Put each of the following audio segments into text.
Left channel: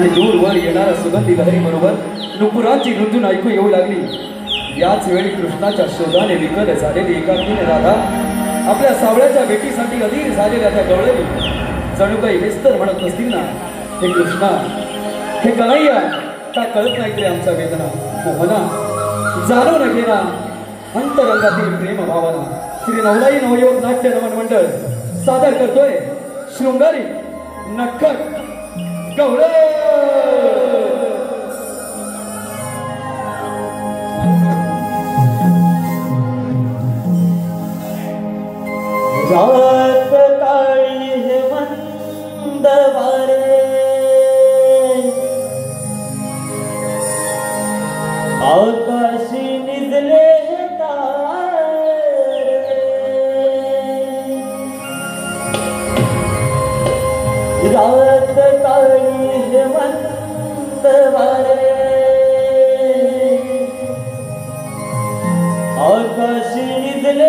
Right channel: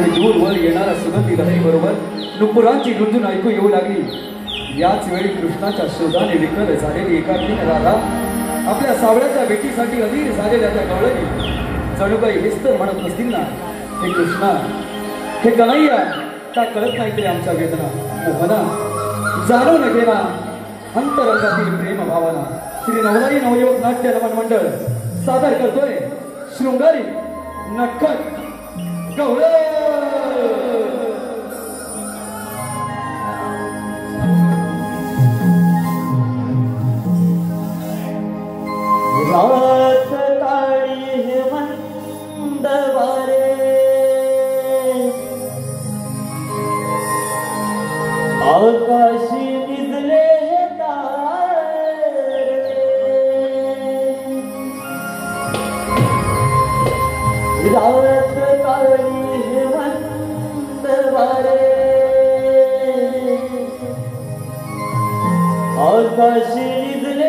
आणि दूरवर येणाऱ्या सुगंधी लहरी बरोबर नुपुरांची गुंजून ऐकू येऊ लागली। याच वेळी कृष्णाच्या शोधाने विकल झालेली एकाकीन राधा आपल्या सावळ्याच्या भेटीसाठी अधीर झालेल्या त्या गवळणी जणू काही विस्तर म्हणत नसतील ना, हे कृष्णा, हे कन्हैया, का कळत नाही तरी आमचा वेदना मोहना जाणून घेणा अंतरंगातील प्रेम भावना श्री नवलाई नवयुवक नाट्य नमन मंडळ सादर करतोय शृंगारी नक्कट गवळ। रात काळी हेमंत वारे आकाशी निजले तारे रात काळी हेमंत वारे आकाशी निजले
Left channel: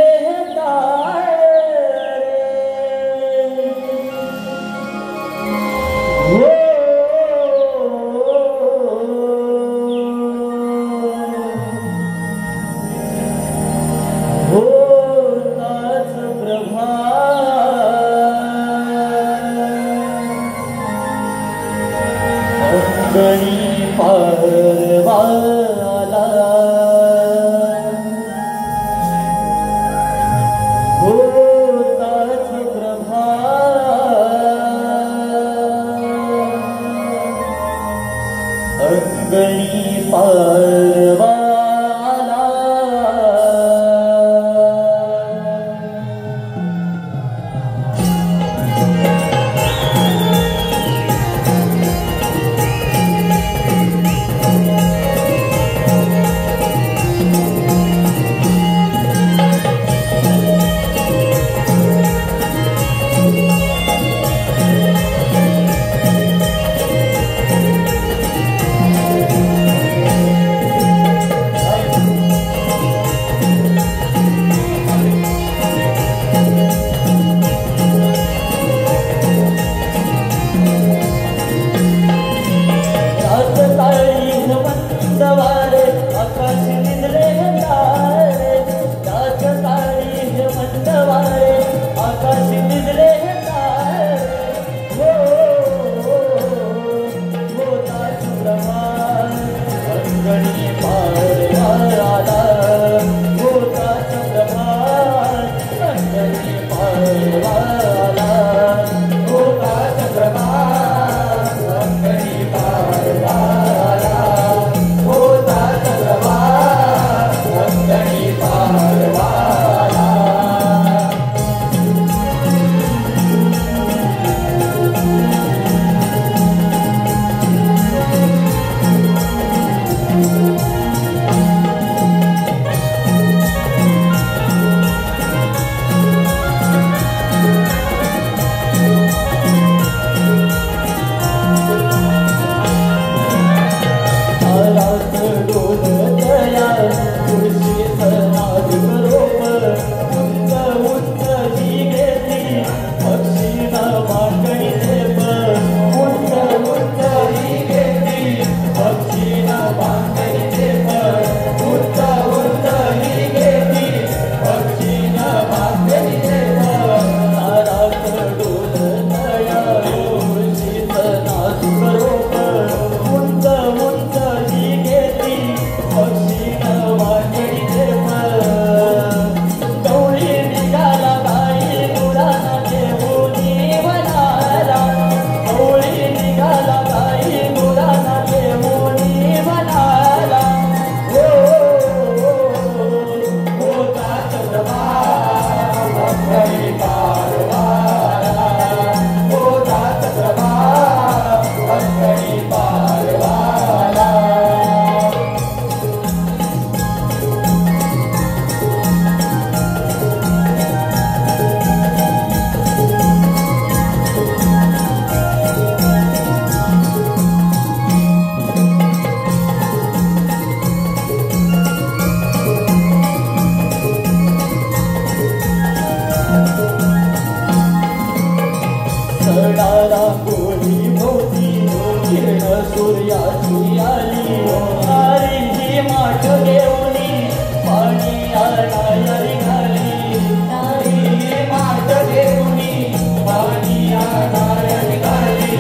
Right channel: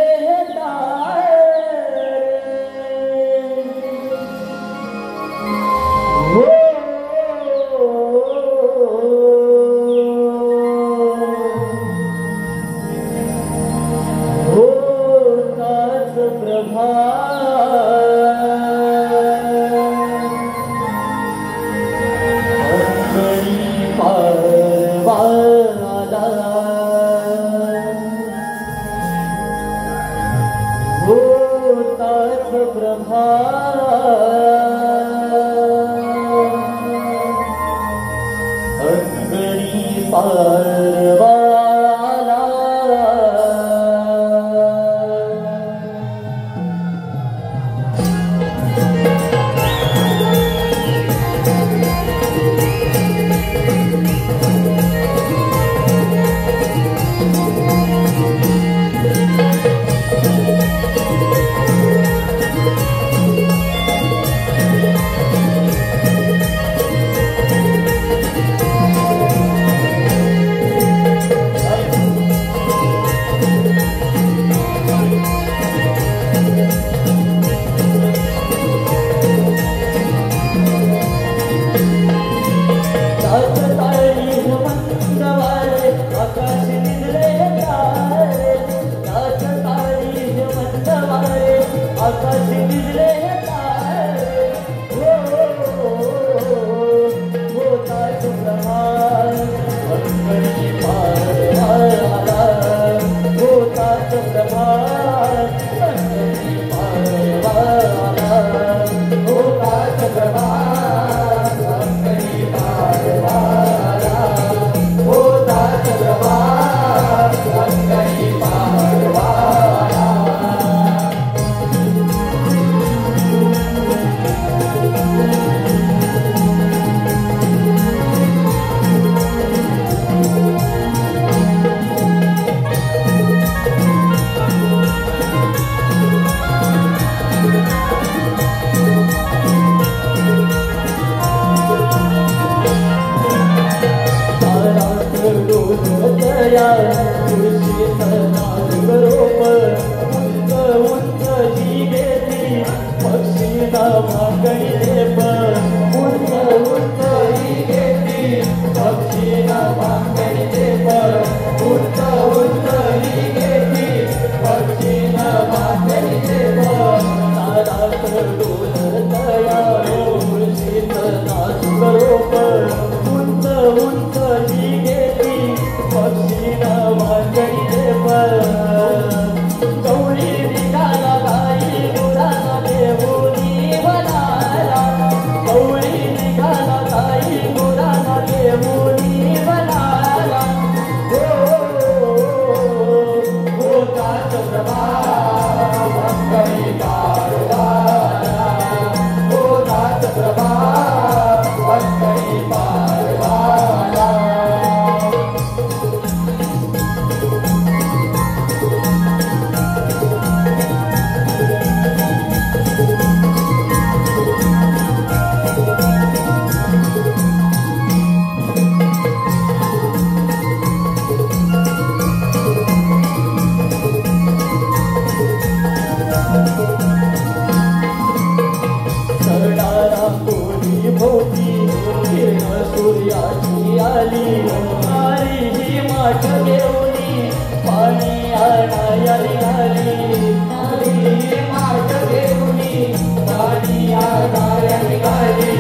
सूर्याची आली नारीची माठ घेऊनी पाणी आणायला निघाली नारी माठ घेऊनी पाणी आणायला निघाली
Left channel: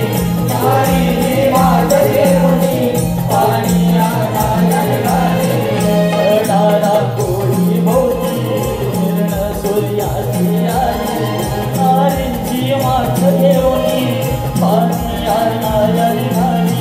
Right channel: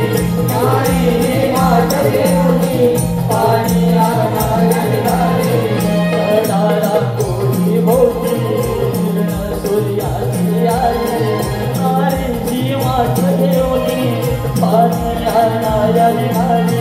नारी माठ घेऊनी पाणी आणायला निघाली नारा कोणी भोवती सूर्याची आली नारीची माठ घेऊनी पाणी आणायला निघाली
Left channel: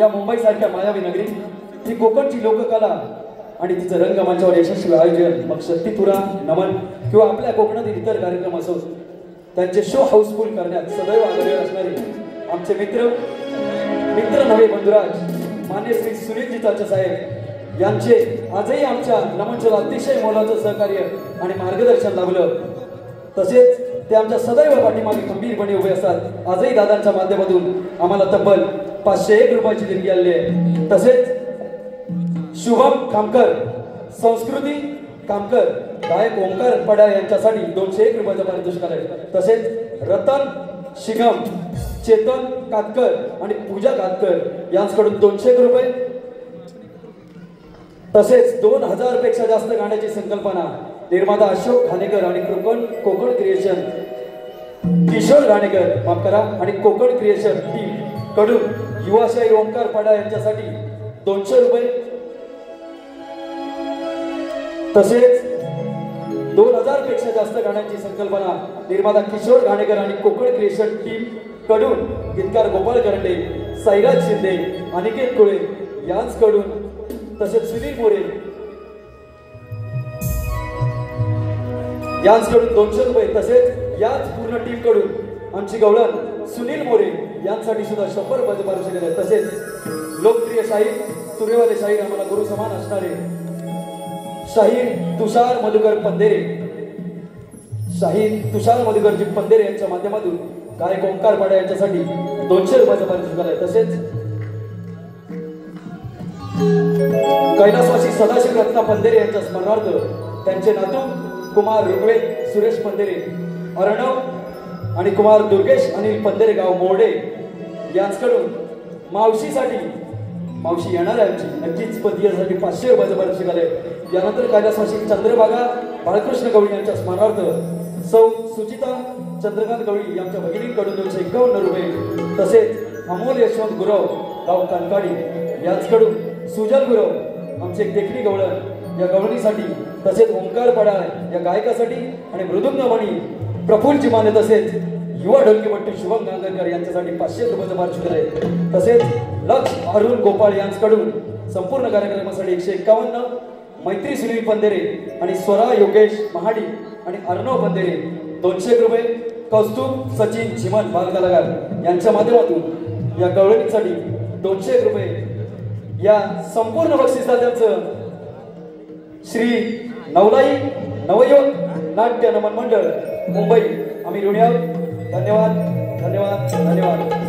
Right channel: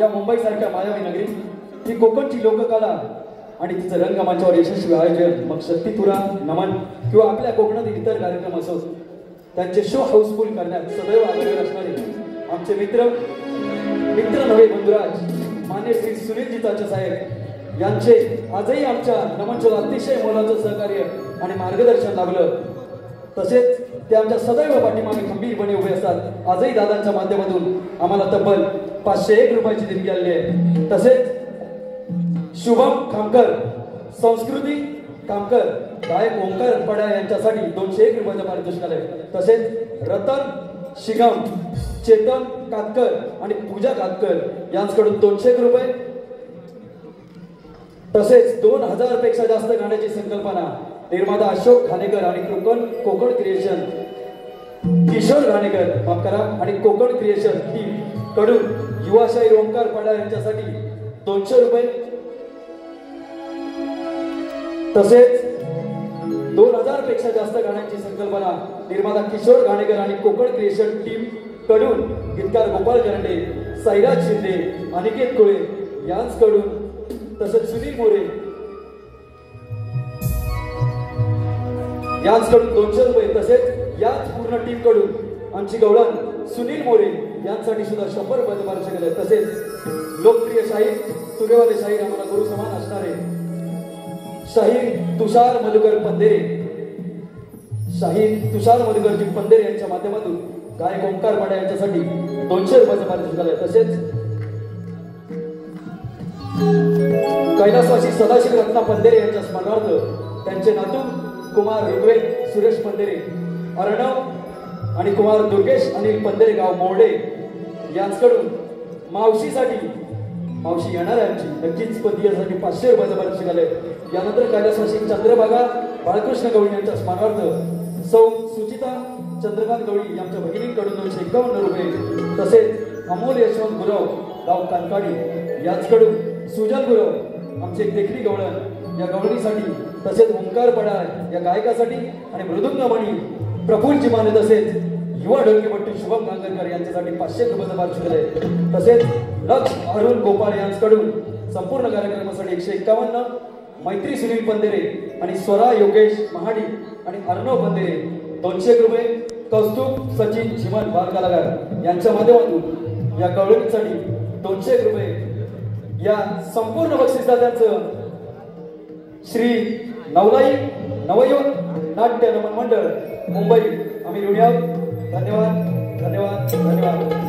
या मुंबई सारख्या मायावी नगरीत ही कोकणची लोककला आणि तिचं रंगमंचावर यशस्वी आयोजन, मग शक्तिपुरा नमन किंवा आपल्या कोकणातील इतर कार्यक्रम असो, त्यांचे शो हाऊसफुल करण्यात सदैव आग्रही असणारे आमचे मित्र नव्हे बंधुराज मान्य श्री सुनीलजी चाचा साहेब यांचे आजही आमच्या नमनच्या अतिशय मोलाचं सहकार्य आणि मार्गदर्शन लाभलं. तसेच ते आमच्या सदैव पाठीमागे खंबीरपणे उभे असतात. आजही दादांच्या माध्यमातून आम्हाला तब्बल 501 रुपयाची देणगी आलेली आहे. तसेच शुभम कामकर, संस्कृती कामकर, गायक ओंकार पडा यांच्यासाठी 201 रुपयाचं पारितोषिक आलंय. तसेच रतन शिगम, चेतन कातकर आणि पूजा कातकर यांच्याकडून 200 रुपये. तसेच 2000 पेक्षा जास्त गाण्याची संकल्पना निर्माता अशोक घाणेकर आणि कोकण क्रिएशन किशोर घाणेकर माफ करा आणि कोकण क्रिएशन टीम कडून युवाशाही ओंकार पडा यांच्यासाठी 200 रुपये. तसेच 2000 पेक्षा जास्त गाण्यांची संकल्पना निर्माता किशोर घाणेकर आणि कोकण क्रिएशन टीम कडून गीतकार गोपाळ करंडे, सैराज शिंदे, अनिकेत कुळे यांच्याकडून, तसेच सुनील मोरे यांच्याकडून 200 रुपये. तसेच याच पूर्ण टीम कडून आमची गवळण सुनील मोरे यांसाठी सुद्धा 100 रुपयाचे पारितोषिक आहे. तसेच लोकप्रिय शाहीर, तुरेवाले शाहीर, आम्हाला गुरु समान असणारे शाहीर तुषार मधुकर पंधेरे, शाहीर तुषार मधुकरजी पंधेरे यांच्या माध्यमातून गायक ओंकार पाडा यांच्यासाठी 200 रुपयाचं पारितोषिक आहे. तसेच कैलासवासी सदाशिव रत्ना पंधेरे यांच्या स्मरणार्थ त्यांचे नातू कुमार ऋग्वेद सुरेश पंधेरे, अर्णव आणि कुमार दुर्गेश अनिल पंधेरे गाव मोरडे यांच्याकडून मावशीसाठी, मावशी येणार आहे आमची, नक्कीच पतीसाठी 500 रुपयाचं पारितोषिक आलंय. यानंतर कैलासवासी चंद्रभागा बाळकृष्ण गवळी यांच्या स्मरणार्थ सौ सुचिता चंद्रकांत गवळी यांच्या भगिनींकडून 251 रुपये. तसेच अमोल यशवंत गुरव गाव कानकाडी यांच्याकडून सुजल गुरव आमचे देखणी गवळण या गवळणीसाठी, तसेच ओंकार पडा या गायकासाठी आणि मृदुंगमणी प्रफुल्ल चिमाने, तसेच युवा ढोलकीपट्टी शुभम गांगरकर यांच्यासाठी 500 रुपयाचं पारितोषिक आहे. तसेच लक्ष अरुण गोपाळ यांच्याकडून संपूर्ण कार्यक्रमासाठी 151, मैत्री सुनील पंधेरे आणि स्वरा योगेश महाडी आणि अर्णव पंधेरे 200 रुपये. कौस्तुभ सचिन झिमन बालकलाकार यांच्या माध्यमातून या गवळणीसाठी 200 रुपये. या संपूर्ण बक्षिसदारांचं श्री नवलाई नवयोग नाट्य नमन मंडळ मुंबई आम्ही ऋणी आहोत. धन्यवाद धन्यवाद धन्यवाद.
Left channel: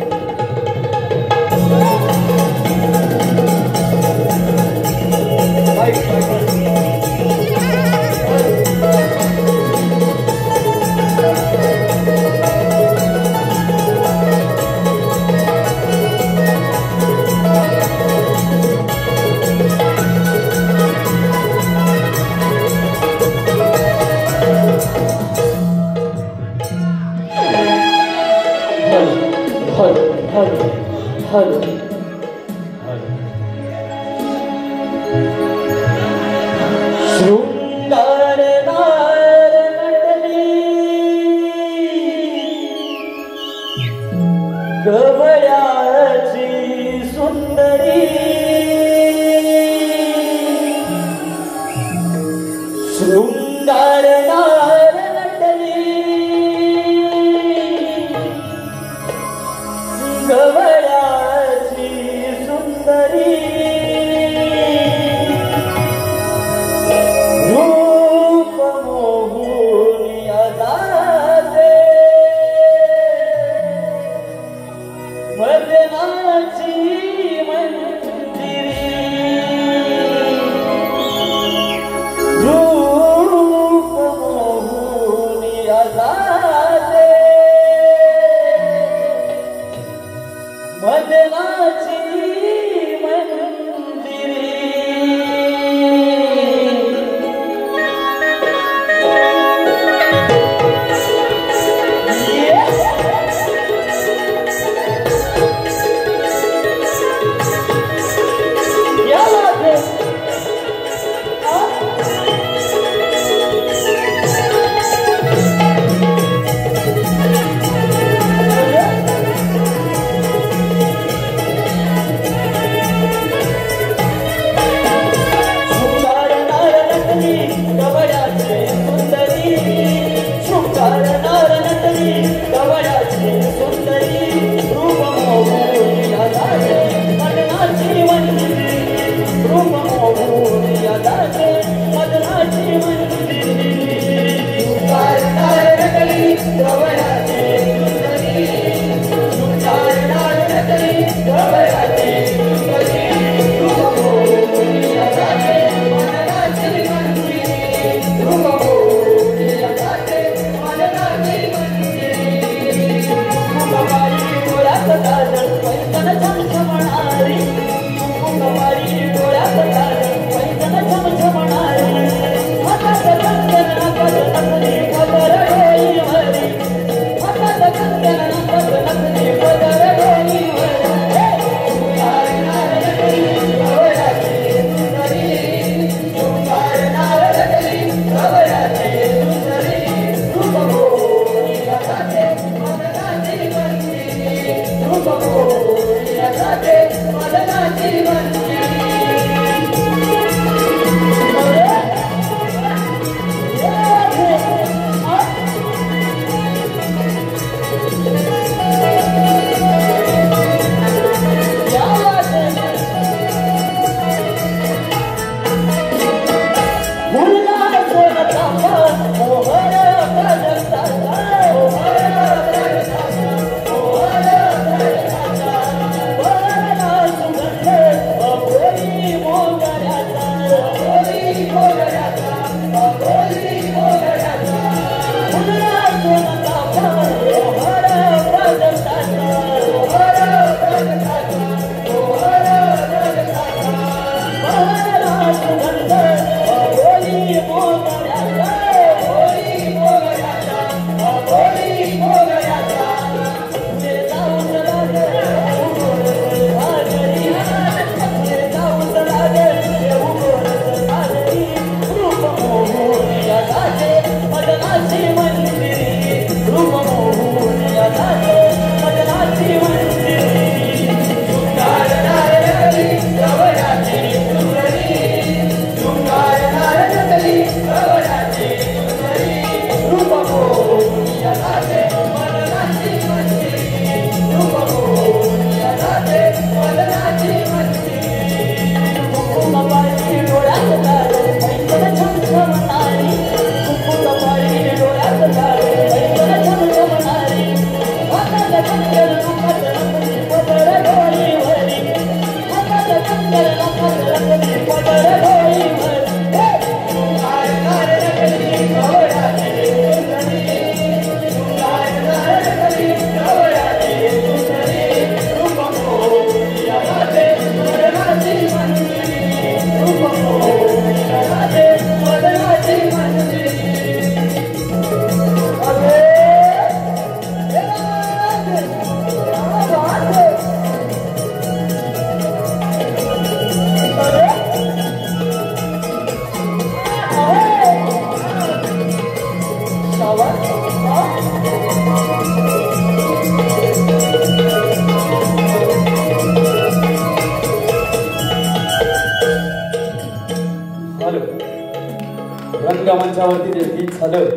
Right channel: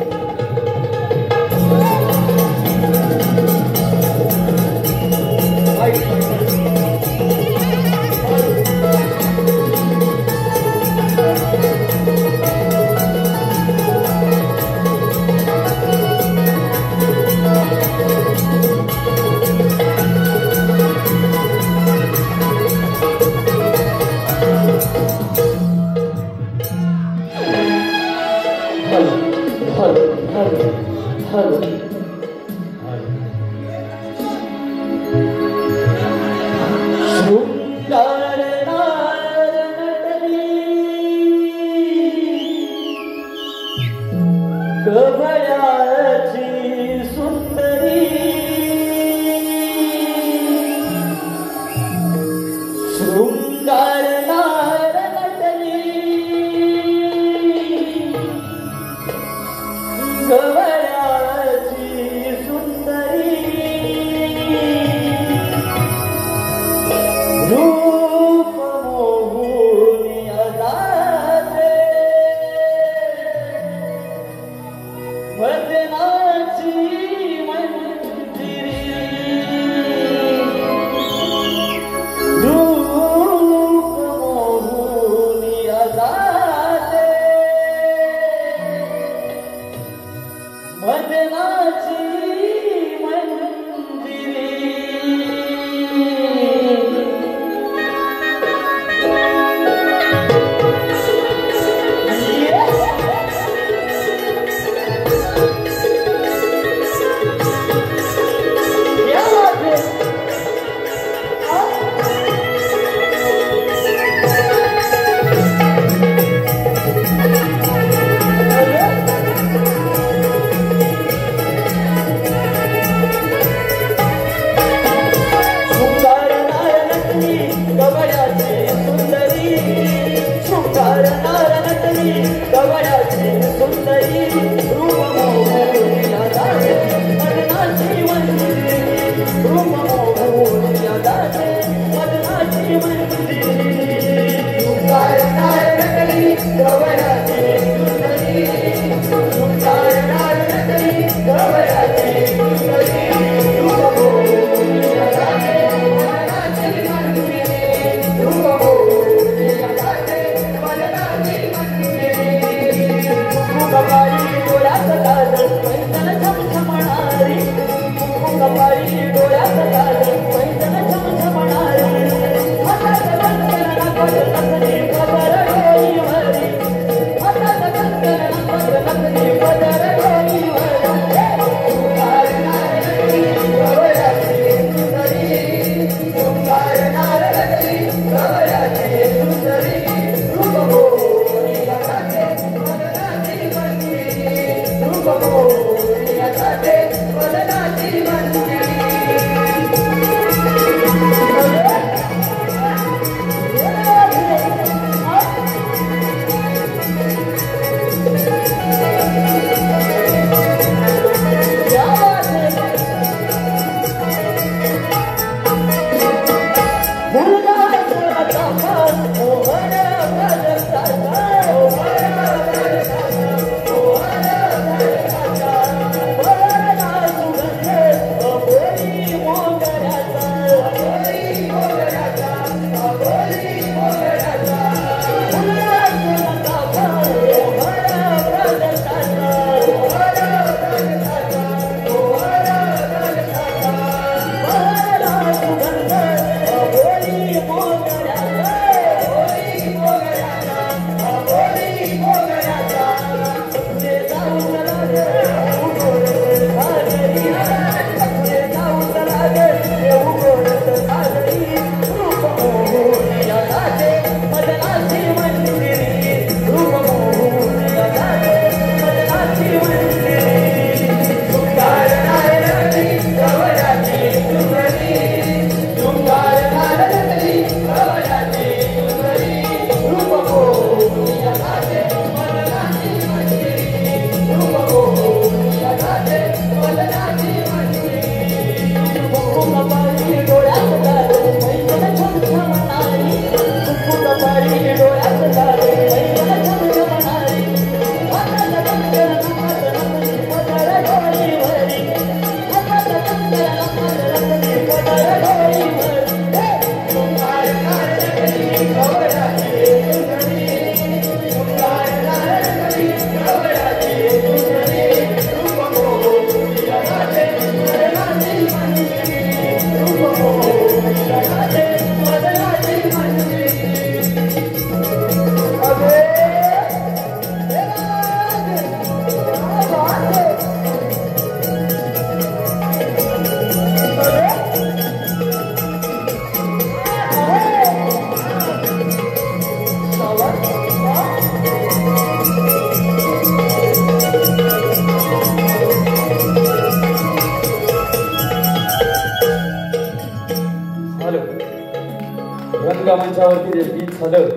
रंगमंचावरती जे गीत झालं,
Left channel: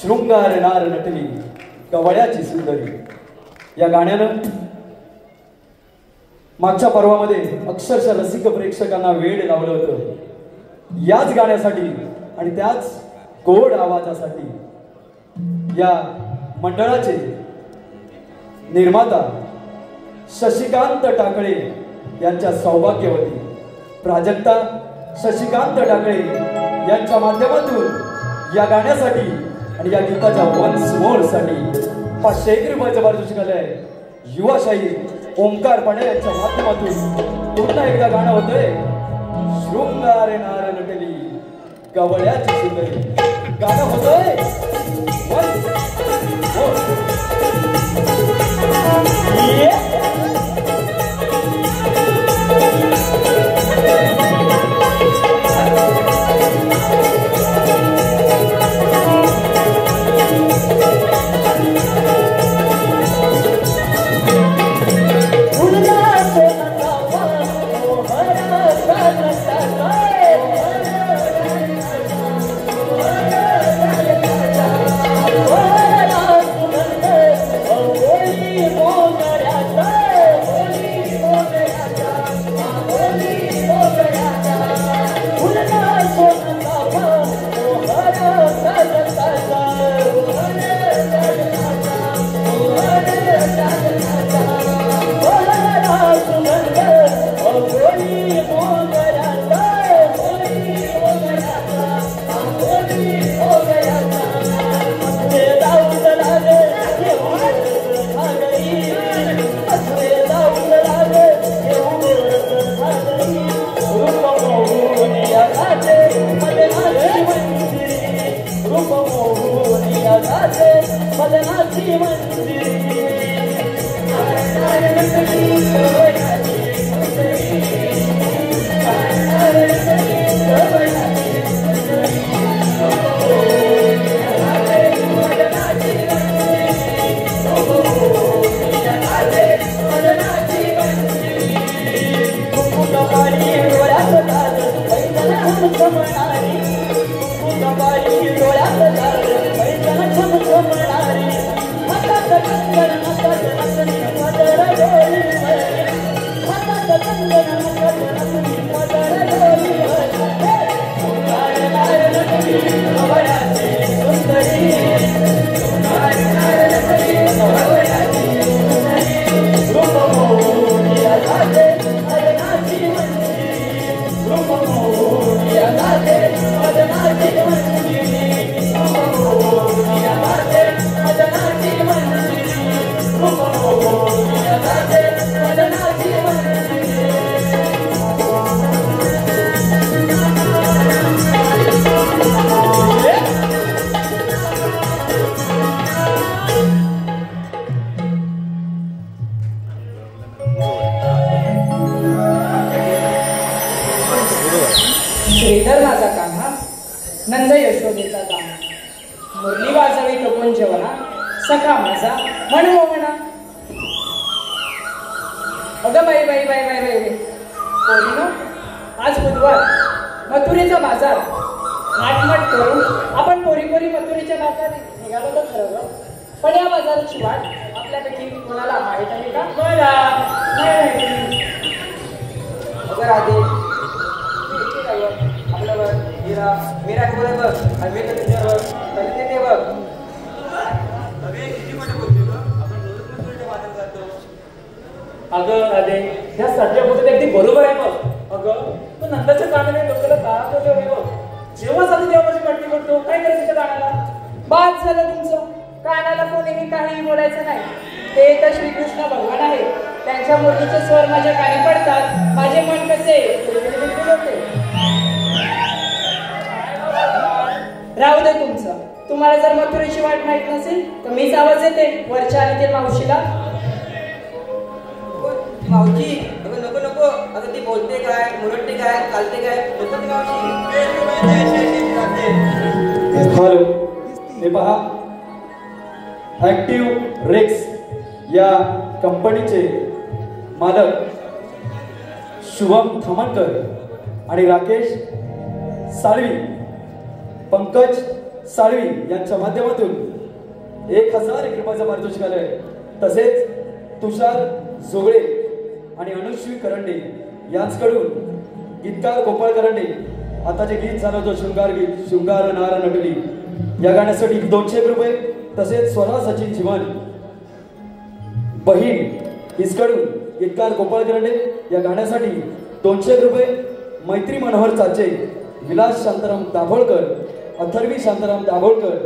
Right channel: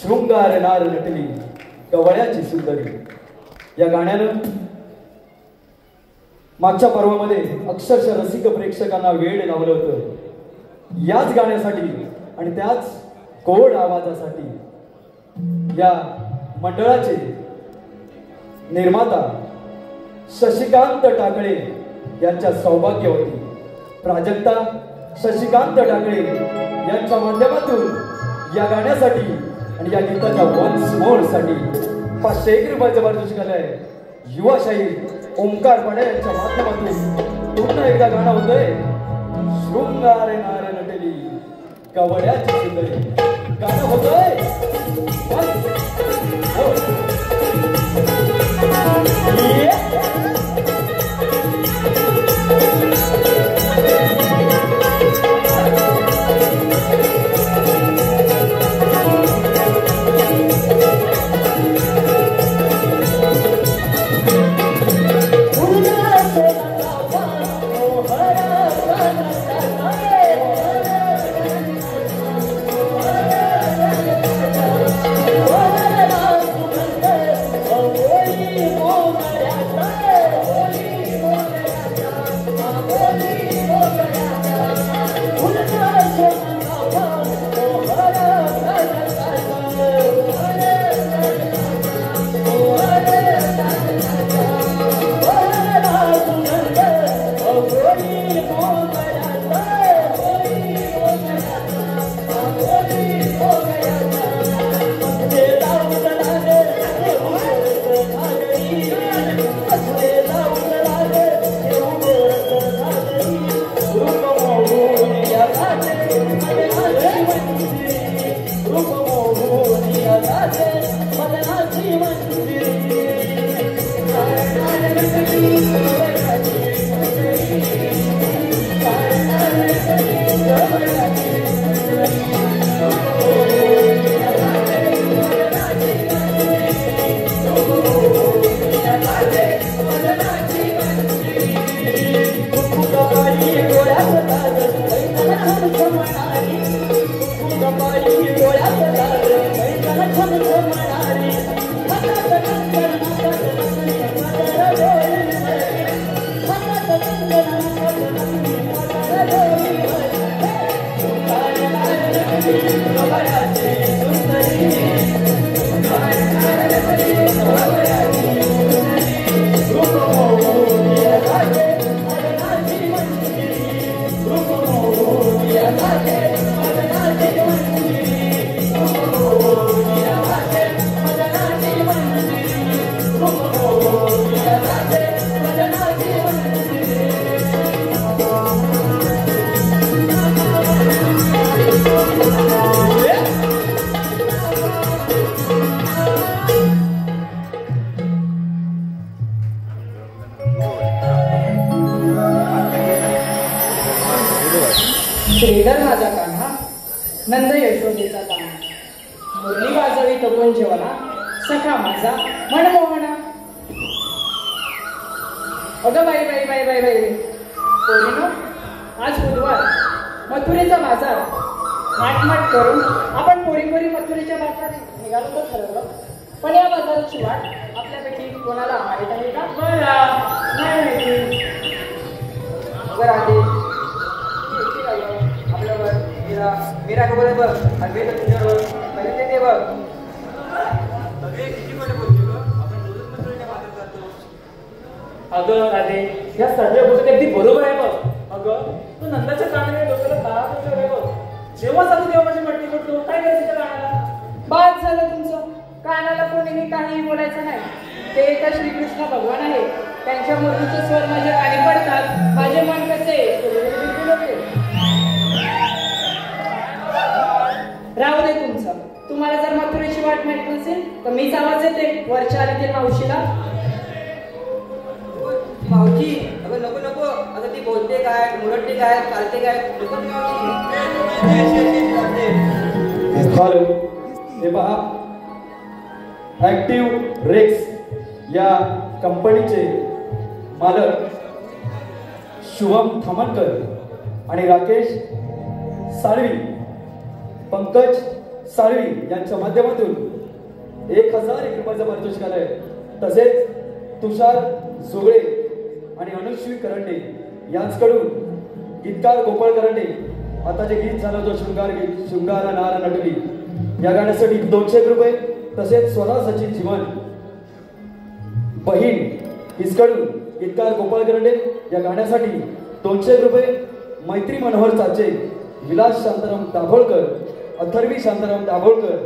शृंगार नार नटली गवळ्याची सुंदरी, या गाण्यानं मागच्या पर्वामध्ये अक्षरशः रसिक प्रेक्षकांना वेड लावलं होतं। याच गाण्यासाठी आणि त्याच गोड आवाजासाठी या मंडळाचे निर्माता शशिकांत टाकळे यांच्या सौभाग्यवती प्राजक्ता शशिकांत टाकळे यांच्या माध्यमातून या गाण्यासाठी आणि या गीताच्या वन्स मोर साठी 500 रुपये जबरदस्ती केलाय युवाशाही ओंकार पडे यांच्या माध्यमातून पुन्हा एकदा गाणं होतंय, शृंगार नार नटली गवळ्याची सुंदरी। गाणं होतंय सखा माझा म्हण हो म्हणा. अगं बाई बाई बाई बाई बाई पोरीनो, आज बुधवार, मथुरेचा बाजार. नाटमट करून आपण पोरी मथुरेच्या बाजारात निघालो तर ठरवलं. पण या बाजाराची वाट आपल्यापैकी कोणाला माहित आहे का? मला नाही माहिती. अगं राधे, आपल्यावर मीरा बघ आणि मी तर तुझ्यावर तरी ते बघ. अगं राधे, या सध्या बोलत अगदी बरोबर आहे बघ. अगं तू नंदाच्या कानाने डोक्याला दारात वगैरे बघ. जेव्हा जातो तेव्हा माझी मटकी करतो. काय करायचं त्या कानाला? बाद झालं तुमचं. कानाला कोणीही काहीही बोलायचं नाही. ते तर श्रीकृष्ण भगवान आहेत. त्यांच्या मूर्तीचे स्वर माझ्या कानी पडतात. माझे मन कसे राहू दे तुमचं. तुम्हाला जर मथुरेची वाट माहित नसेल तर मीच आवाज देते वरच्या आली ते मावशीला. मावशी, अगं नको नको. अगं ती बोलते काय, मुरडते काय, चालते काय, नको ती हॅलो, हे पहा, ऍक्टिव्ह रेक्स या कंपनीचे मालक शुभम थामणकर आणि राकेश साळवी, पंकज साळवी यांच्या माध्यमातून 1000 रुपयाचं पारितोषिक आहे. तसेच तुषार जोगळे आणि अनुश्री करंडे यांच्याकडून गीतकार गोपाळ करंडे आता जे गीत झालं होतं शृंगार गीत, शृंगार नार नटली, या गाण्यासाठी 200 रुपये. तसेच स्वरा सचिन जीवन बहीण हिसकडून गीतकार गोपाळ करंडे या गाण्यासाठी 200 रुपये. मैत्री मनोहर चाचे, विलास शांताराम दाभोळकर, अथर्वी शांताराम दाभोळकर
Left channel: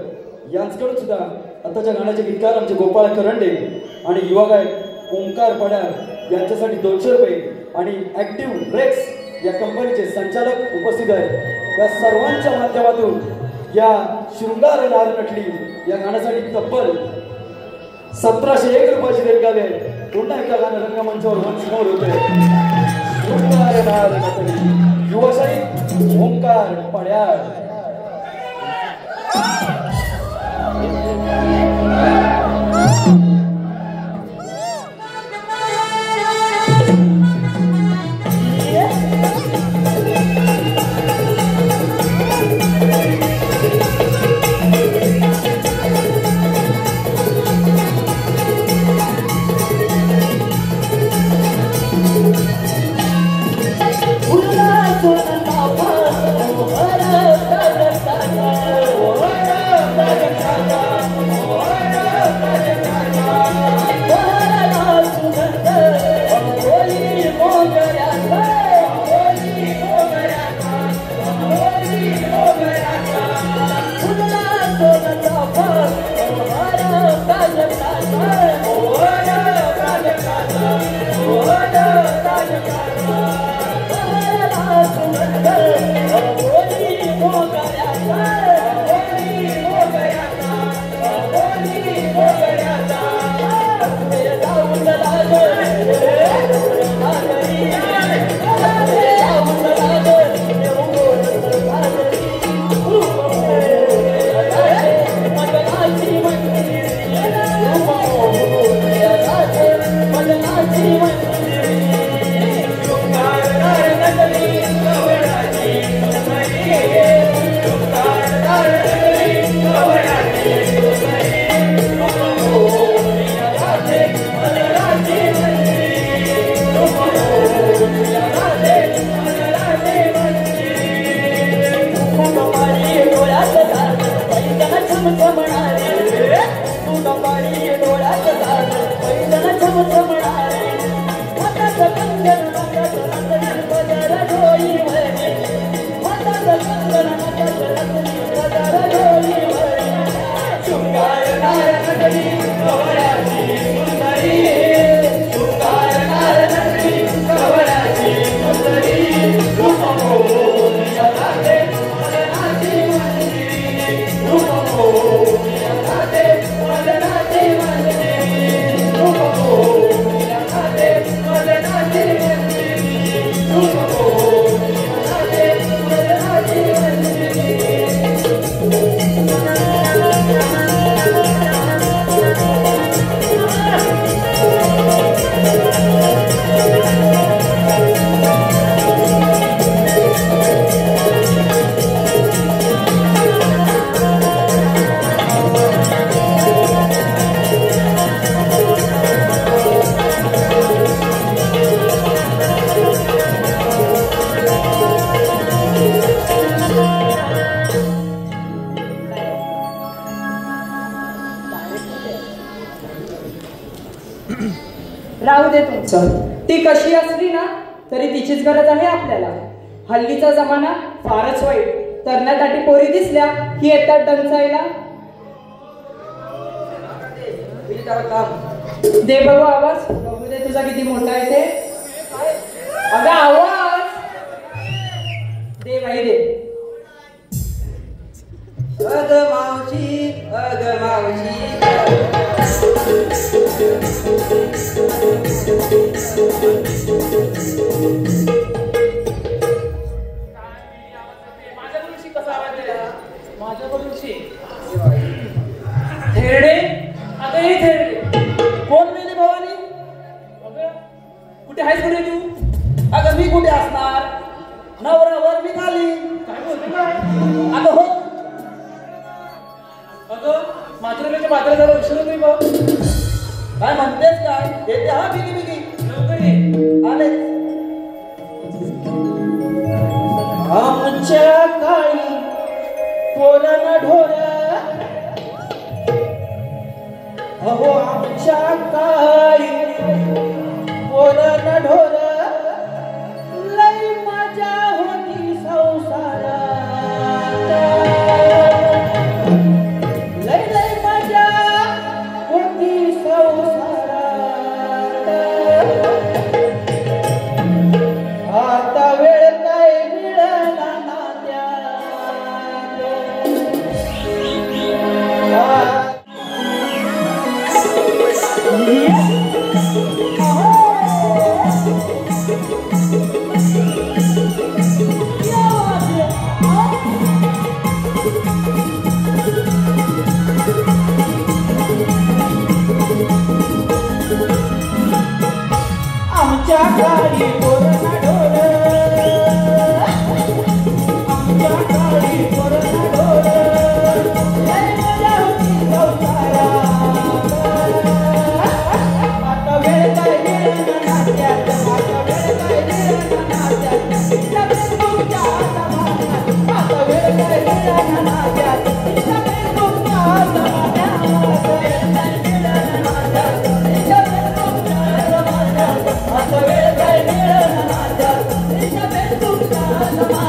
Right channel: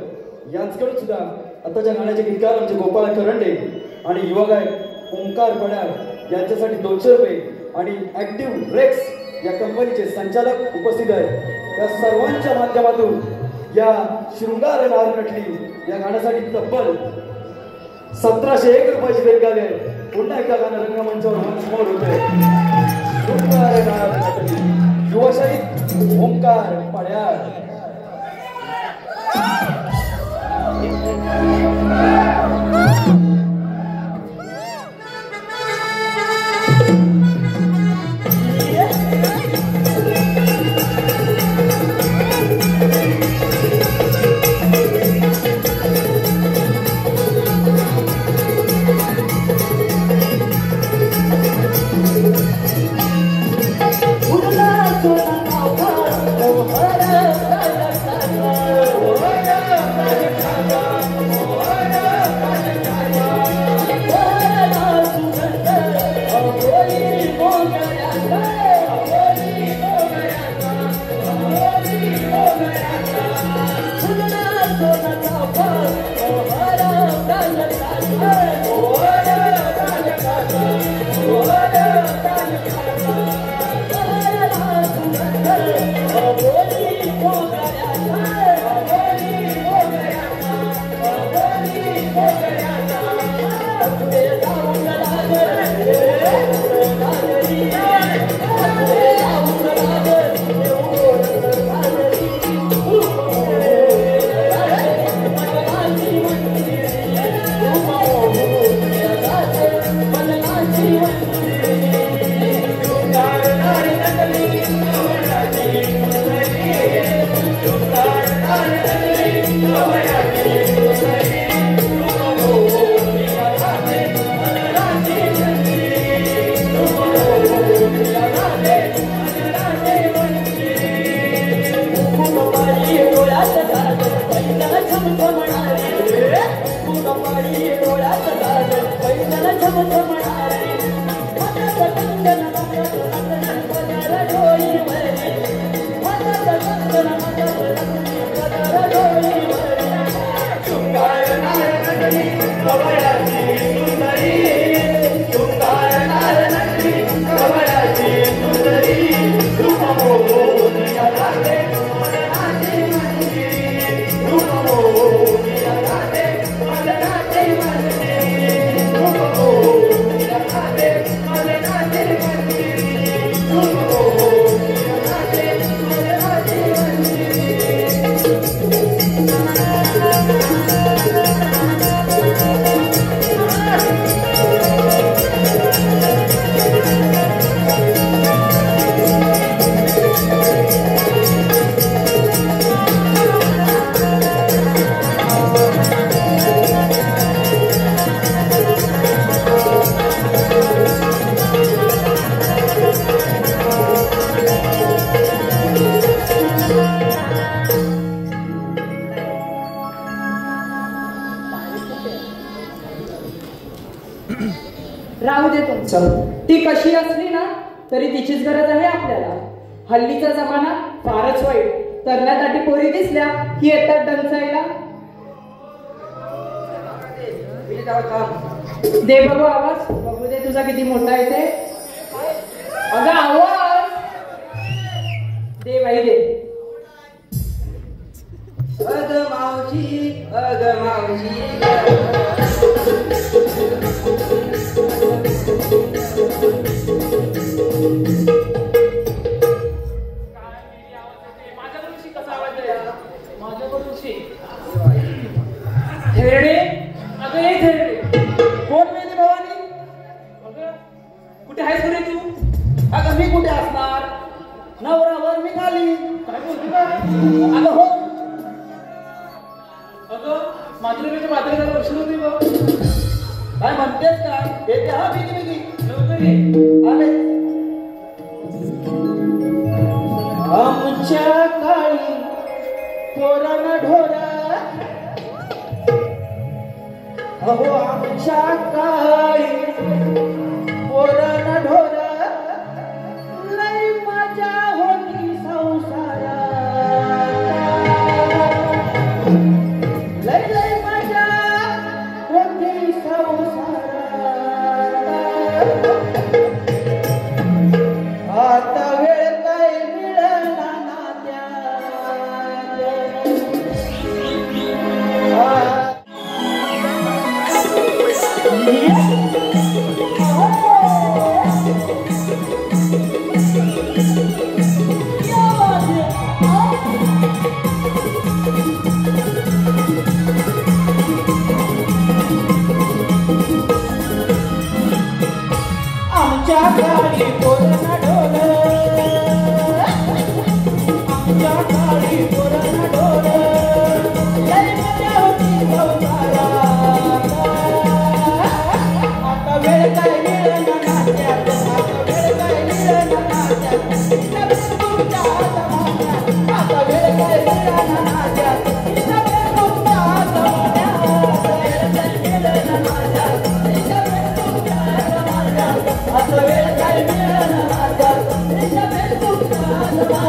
यांच्याकडून सुद्धा आताच्या गाण्याचे गीतकार आमचे गोपाळ करंडे आणि युवा गायक ओंकार पडार यांच्यासाठी 200 रुपये. आणि ऍक्टिव्ह ब्रेक्स या कंपनीचे संचालक उपस्थित आहेत. या सर्वांच्या माध्यमातून या शृंगार नार नटली या गाण्यासाठी तब्बल 1701 रुपयाची देणगी आली आहे. पुन्हा एकदा गाणं रंगमंचावर समोर होते. शृंगार नार नटली, युवशाही ओंकार पड्याळ. Oh, राहू दे तुमचं. ती कशी असली ना तरी तिचीच गरज आहे आपल्याला. हल्लीचा जमाना फारच वाईट. तरणाटाटी पोरी दिसल्या की येतात डंचायला. दे बघू आवाज. बघू दे तुझा किती मोठा आहे ते. अगं आवाज दे बाई दे. अग मावशी थेरडे अगं हे थेरडे कोण मेली भवानी? अगं कुठे आहेस कुठे तू? अगं मी कुठे असणार? नवऱ्यावर मी खाली. काय बोलतो का? अगं हो. अगं मात्र जरा उशीर होतोय बघ. काय म्हणतेस काय? येते हा बिगी बिगी. लवकर ये. आले. आमच्या काळी पोरण ढोरा अहो आमच्या काळी पोरण ढोरा लय मजा होती संसारात. लय लय मजा होती संसारात. आता वेळ काय मिळाला ना त्यात. आमच्या गाडी पोरण ढोर. आमच्या गाडी पोरण ढोर लय मजा होती संसारात. आता वेळ काय मिळेना नात्यात. आता वेळ काय मिळेना नात्यात. तुमच्या हातामध्ये. आता वेळ काय मिळेना नात्यात. तुमच्या हातामध्ये. वेळ काय मिळेना नात्यात. आता वेळ काय मिळेना नात्यात. तुमच्या हातामध्ये.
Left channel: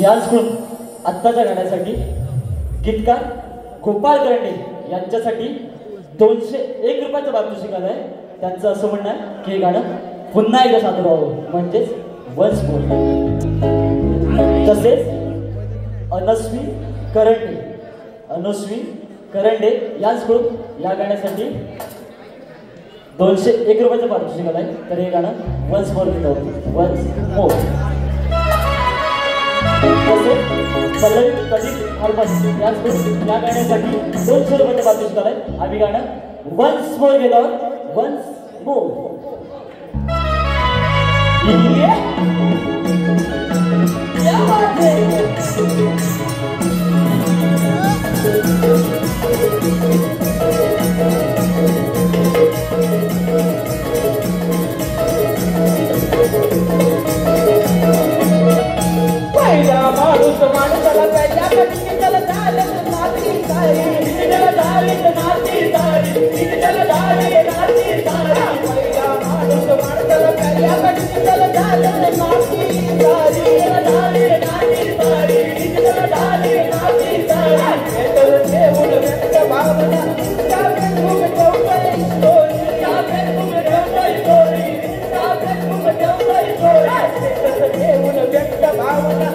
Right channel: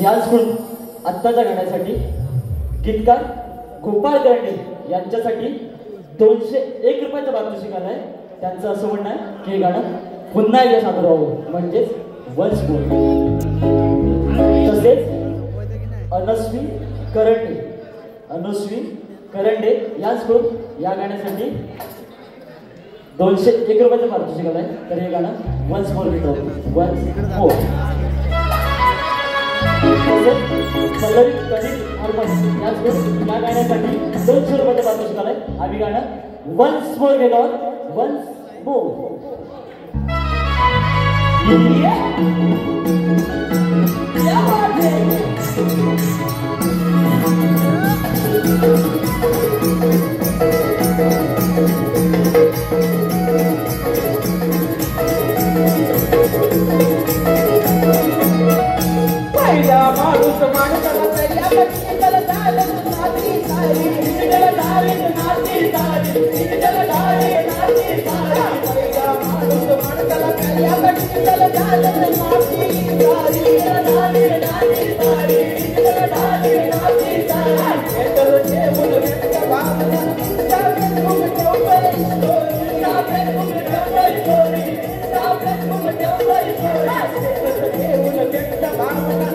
याच गुण आत्ताच्या गाण्यासाठी गीतकार गोपाळ करंडे यांच्यासाठी 201 रुपयाचं पारितोषिक आलंय. त्यांचं असं म्हणणं आहे की हे गाणं पुन्हा एकदा सादर व्हावं, म्हणजेच वन्स मोर. तसेच अनुश्री करंडे याचकडून या गाण्यासाठी 201 रुपयाचं पारितोषिक आहे. तर हे गाणं वन्स मोर घेतो. वन्स मोर सलग कधी हरमन याचकडून या गाण्यासाठी 200 रुपयाचं पारितोषिक आहे. आम्ही गाणं वन्स मोर घेतो. वन्स मोर पहिला माणूस माणसाला पहिला कधी त्याला झालं नाती सारी त्याला झाली नाती सारी त्याला झाली नाती सारी पहिला माणूस माणसाला पहिला कधी त्याला झालं नाती सारी त्याला झाली नाती सारी त्याला झाली नाती सारी त्याला देऊन व्यक्त भावना सापे तुम ठेवलंय स्टोरी सापे तुम ठेवलंय स्टोरी सापे तुम ठेवलंय स्टोरी देऊन व्यक्त भावना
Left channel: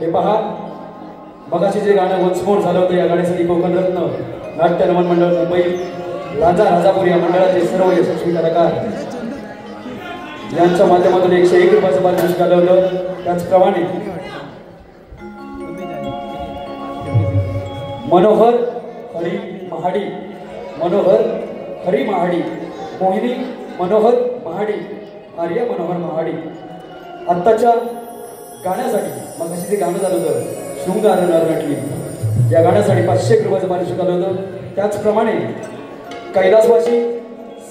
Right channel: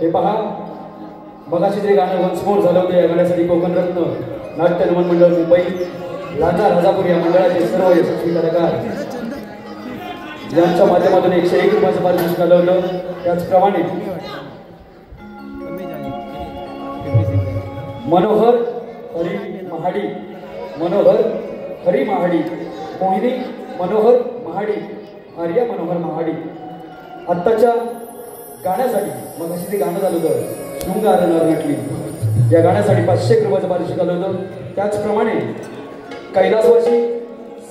हे पहा, मगाशी जे गाणं वन्समोर झालं होतं या गाण्यासाठी कोकण रत्न नाट्य नमन मंडळ मुंबई राजा राजापुरी या मंडळाचे सर्व यशस्वी कलाकार यांच्या माध्यमातून 101 रुपयाचं पारितोषिक घालवलं. त्याचप्रमाणे मनोहर हरी महाडी, मनोहर हरी महाडी, मोहिनी मनोहर महाडी, आर्या मनोहर महाडी आत्ताच्या गाण्यासाठी मग अशी ते गाणं झालं होतं शृंगार नटली या गाण्यासाठी 500 रुपयाचं पारितोषिक आलं होतं. त्याचप्रमाणे कैलासवासी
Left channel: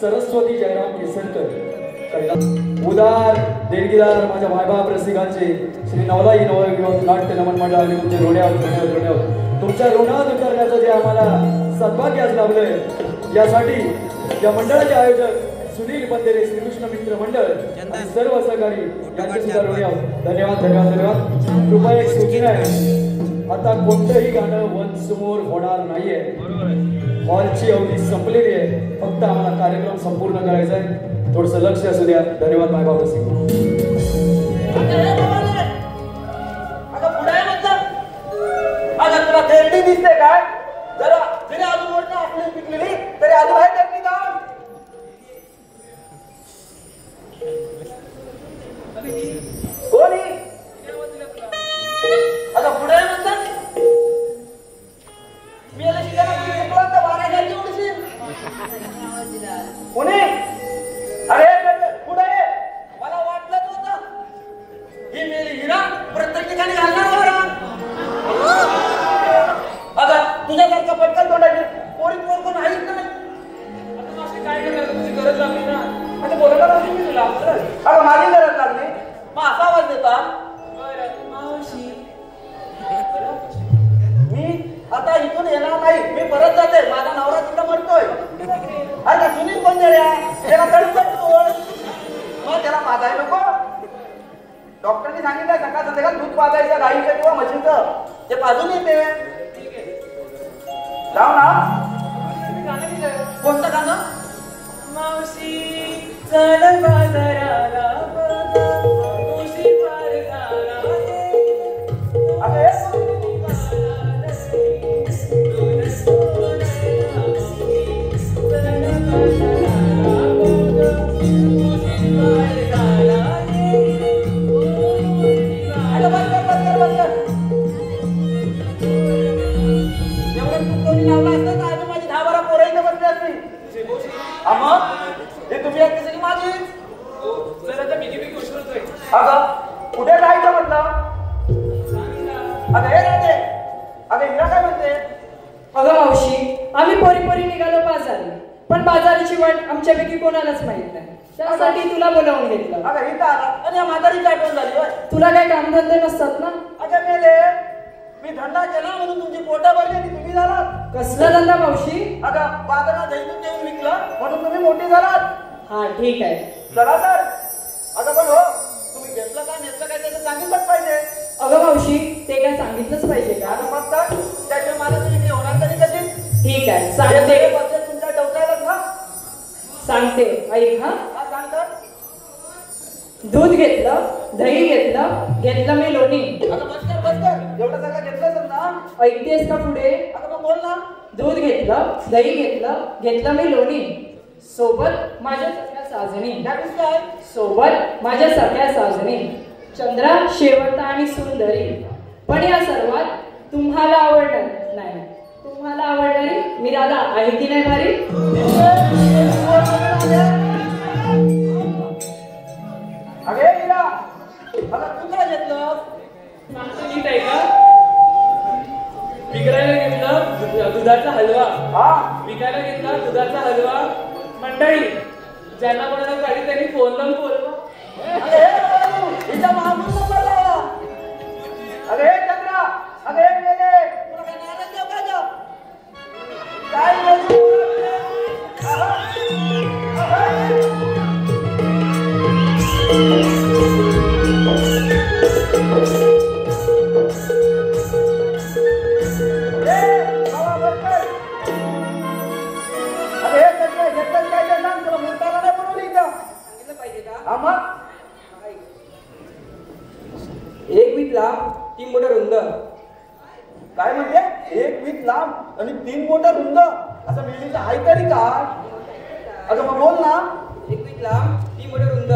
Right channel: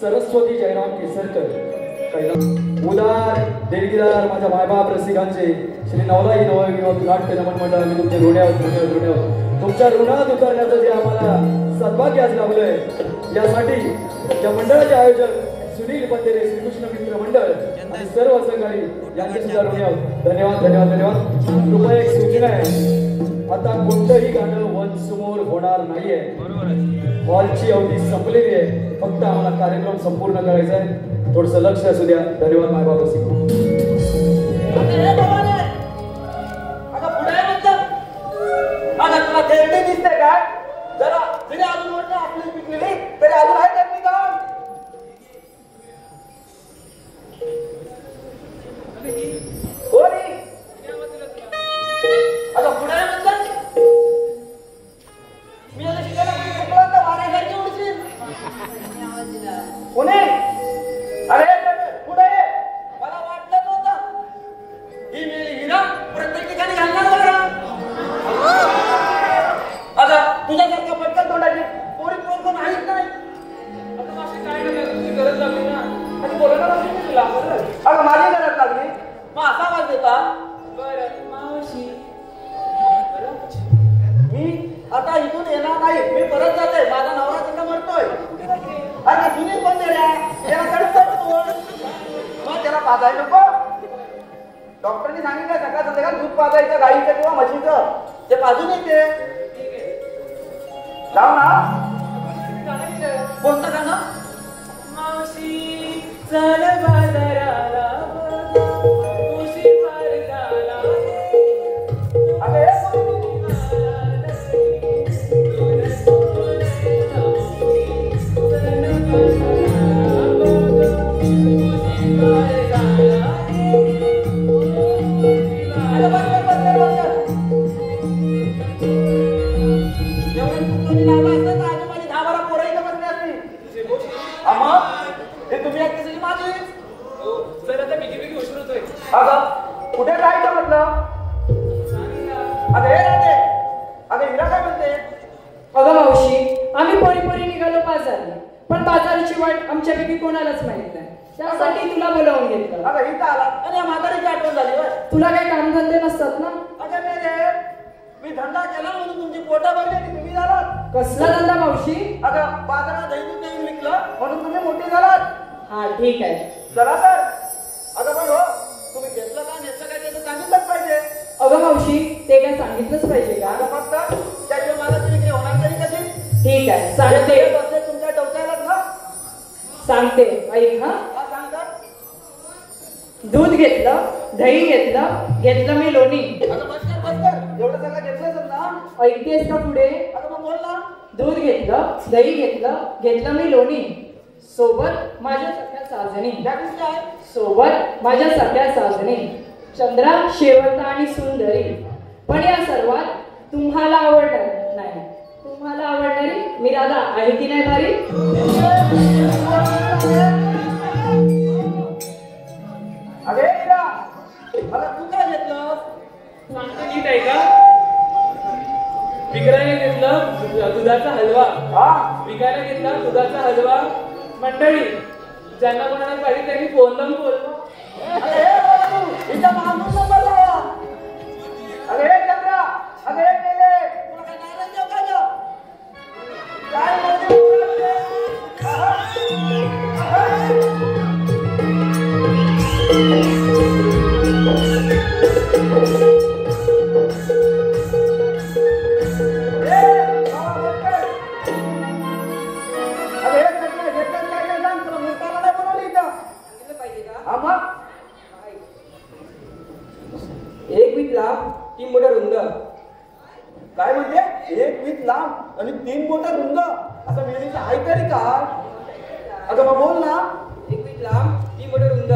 सरस्वती जयराम केसरकर उदार देणगीदार माझ्या भाईबाप रसिकांचे श्री नवलाई नवविवाह नाट्य नमन मंडळाने तुमचे ऋणात तुमच्या ऋणात उतरण्याचं जे आम्हाला सद्भाग्य आज लाभलंय यासाठी या मंडळाचे आयोजक सुनील बंदेरे श्रीकृष्ण मित्र मंडळ आणि सर्व सहकारी यांचे सुद्धा ऋणी धन्यवाद धन्यवाद धन्यवाद. कृपया एक सूचना आहे, आता कोणतंही गाणं वनसमोर होणार नाहीये. हॉलची अवधी संपलेली आहे, फक्त आम्हाला कार्यक्रम संपूर्ण करायचा आहे. थोडंसं लक्ष असू द्या. धन्यवाद भागवत दिसते काय जरा जरी अजून मोठं आपली पिकलेली तरी अजून आहे त्यांनी जाऊन कोणी आता पुढे म्हणतात मी आता शिकायला बारायला उडशील कोणी अरे पुढे मला वाटलंच होतं ही त्याला तडतड तोड. मग त्याला पाजायला नको. डॉक्टरने सांगितलं सकाळ संध्याकाळ दूध पाजायचं गाईचं किंवा म्हशीचं. ते पाजून येते. लाव ना. कोणतं गाणं? मावशी चाल बाजाराला उशी मार्गाला कुठे जायचं म्हटलं? अगं हे राहते. अगं हिरा काय म्हणते? अगं मावशी, आम्ही पोरी निघालो बाजारात, पण बाजाराची वाट आमच्यापैकी कोणालाच माहित नाही. त्यासाठी तुला बोलावून घेतलं. अगं इथं आला आणि म्हातारीची आठवण झाली. तुला काही कामधंदे नसतात ना? अगं मी धंदा केला म्हणून तुमची पोटा भरली आणि तुम्ही झालात. कसला धंदा मावशी? अगं बाजारात दैनिक नेऊन विकलं म्हणून तुम्ही मोठी झालात. हा ठीक आहे. चला तर. अगं बोलो तुम्ही घेतलं का नेतलं काय ते सांगितलंच पाहिजे. अगं मावशी, ते काय सांगितलंच पाहिजे का? फक्त त्याच्या मला तरी होणार तरी कसे? ठीक आहे, सांगते. तुमच्या डोक्याला ना सांगते, ऐक ना. दूध घेतलं, दही घेतलं मी लोणी. अगं बस कर. एवढं सगळं घेतलं समजा. ऐकतेस का पुढे? अगं मग बोल ना. दूध घेतलं, दही घेतलं मी लोणी. सोबत माझ्या सख्या साजणी. सोबत माझ्या सख्या साजणी. चंद्रा, शेवंता आणि सुंदरी. पण या सर्वात तुम्हाला आवडलं नाही. तुम्हाला आवडणारी मी दादा आहे की नाही खरी? अरे तू काय घेतलं? सांगतो नीट आहे का? विकायला घेतलं दुधाचा हलवा. विकायला घेतला दुधाचा हलवा. मंडळी ज्यांना कोणाला गाडी त्यांनी फोन लावून बोलतो. अरे चंद्रा, अरे गेले एक वीट लांब 3 बोट रुंद. काय म्हणते? 1 वीट लांब आणि 3 बोट रुंद असं मिळायचं आहे तरी का? अगं बोल ना. 1 वीट लांब 3 बोट रुंद,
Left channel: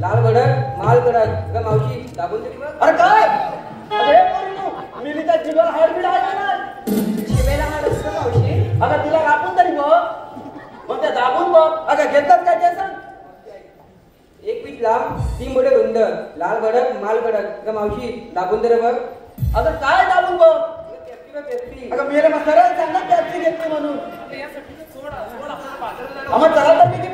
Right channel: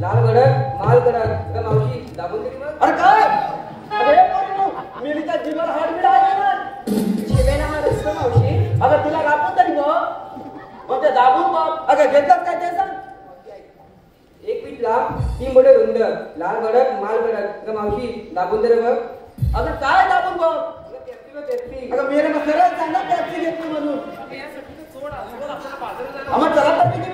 लाल गडद माल गडद. ग मावशी दाबून तरी बघ. अरे काय? अरे मिलीचा जीवन हाडबीड आहे ना. शिवेला हात असतो मावशी. अगं तिला कापून तरी मग ते दाबून बघ. अगं घेतात काय ते सांग. 1 वीट लांब 3 बोट रुंद, लाल गडद माल गडद. ग मावशी दाबून तरी बघ. अगं काय दाबून बघ. पेप्सी. अगं मी मग सरळ सांगा टॅक्सी घेतली म्हणून. मग चला तर पिकी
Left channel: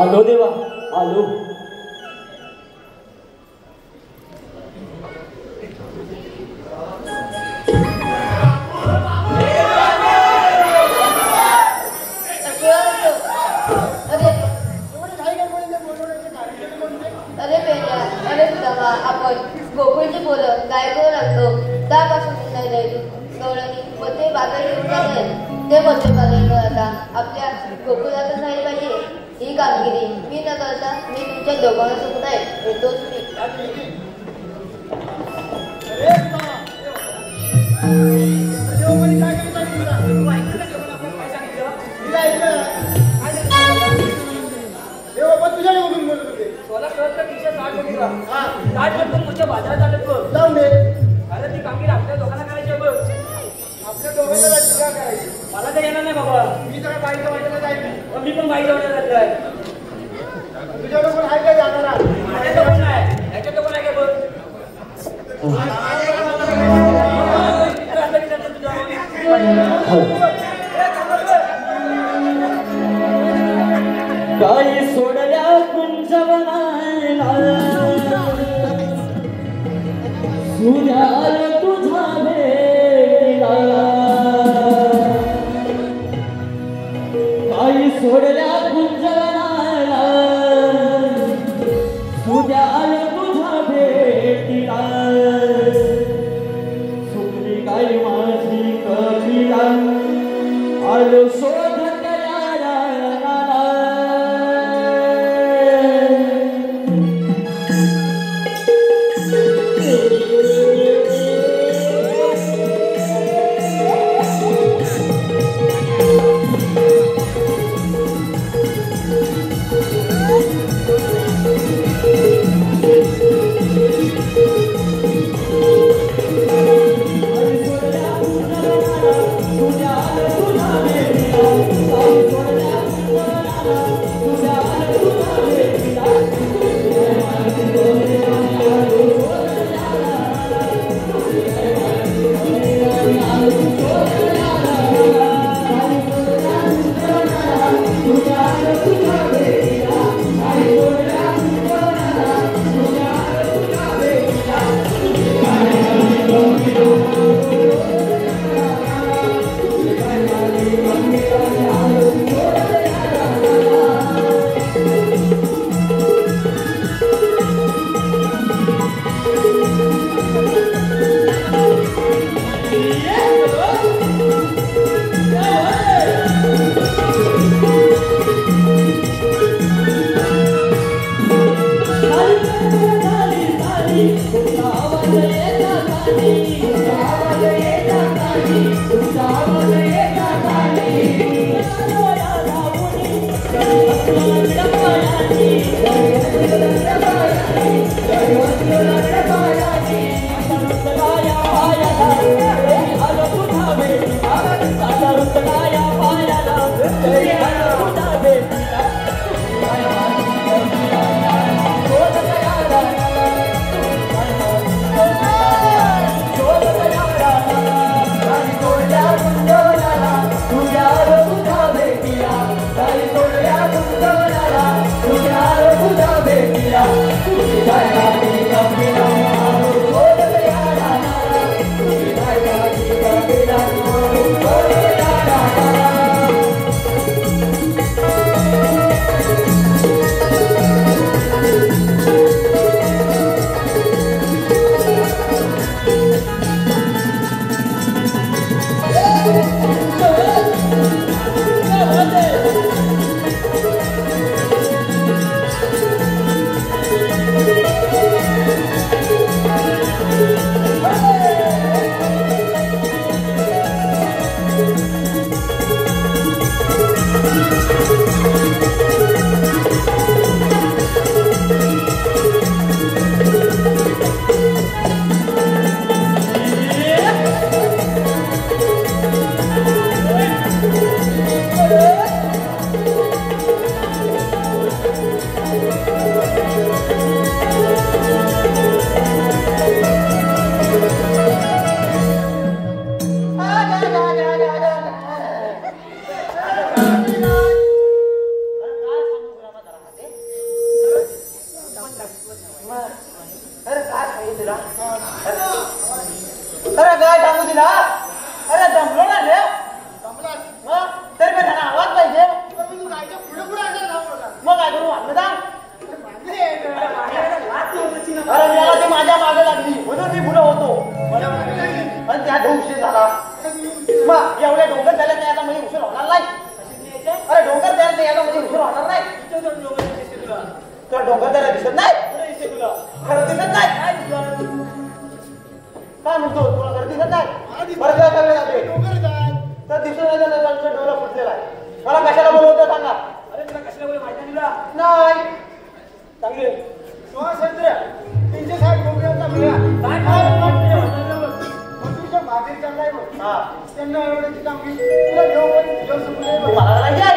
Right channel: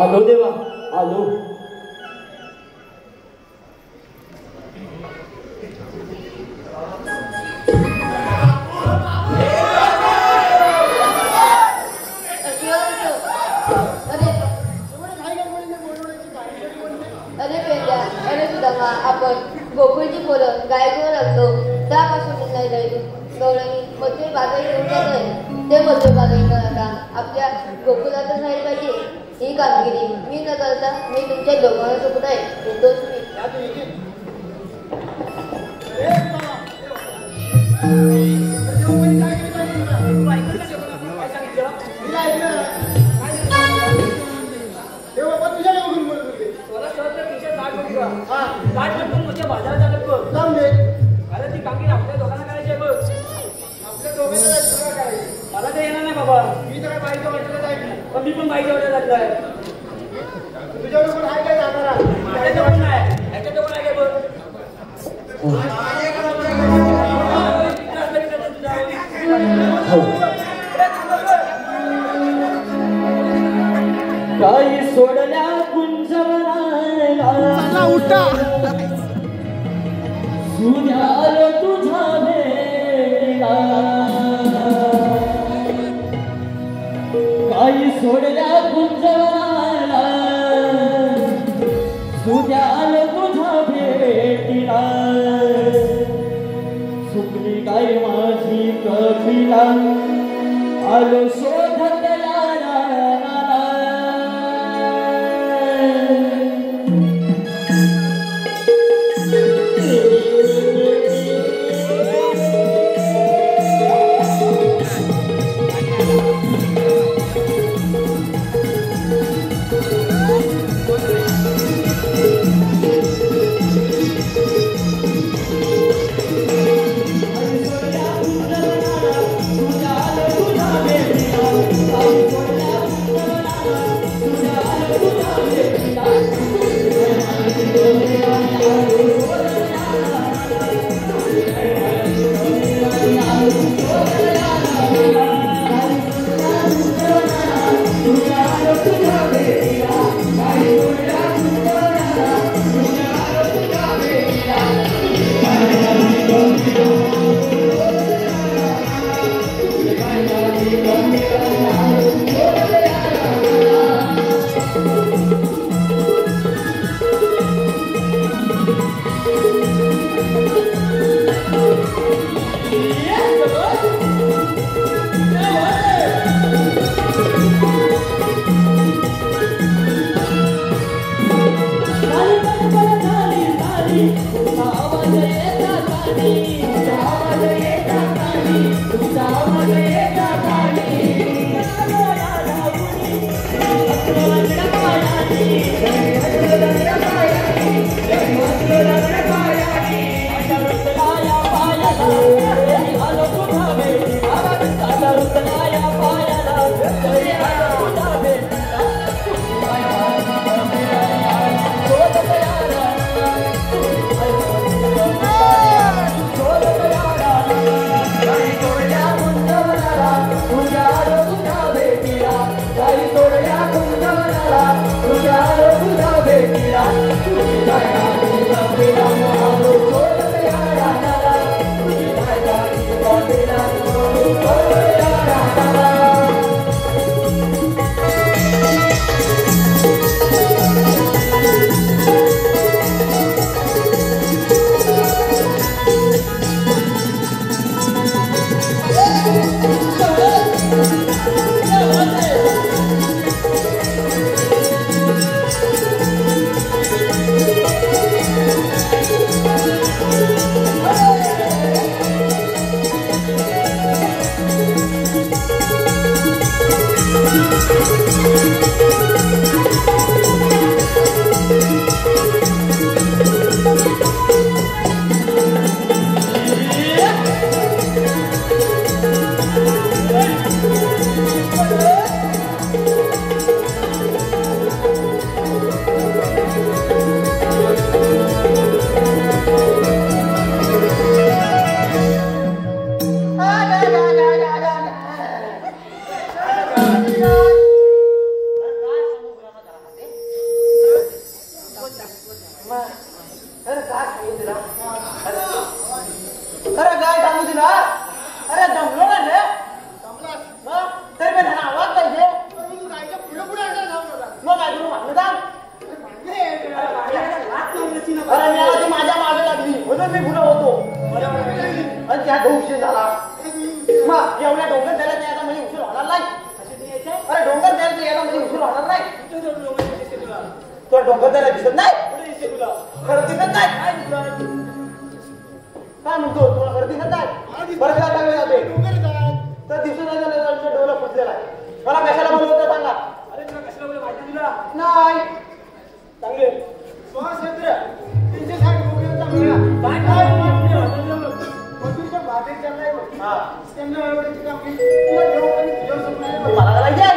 आलो देवा आलो. आपण गोकुळची पोरं गायको लागतो त्यापासून नाही जायचो गौरवी मध्ये बाजारी ते मध्यभागी आता आपल्या गोकुळातून राहील पाहिजे ही कामगिरी मी न करता मी तुमच्या दोघांसोबत आहे येतो अरे ती कामगिरी आपल्या दोघांना करायची आहे बघ. आपल्या दोघांना मला तर येणार नाही बाबा. मी तर पाहिजे मी पण पाहिजे जातोय माझ्या कोण आहे याच्या कोण आहे बघ काही सोडल्या कुंजवनाला सुधार तुझा वेळा काही सोडल्या कुंजवनाला सुधार तुझा भेटीला सुकली काय माझी कविला आलो शोधत यारा झाला एवढ्या डोक्यात त्याला नाही आता मी मला कशाला बोलवता सांगा. अरे तुला कशाला बोलू माहिती दिला नाही चांगले स्वातंत्र्य 360 रुपयांचा मिळा. काय मजुरीच्या भाकरी चाललाय बघ. त्यांना एवढी कामगिरी तुला घेऊन घेऊन सुटले. मला करायचंय.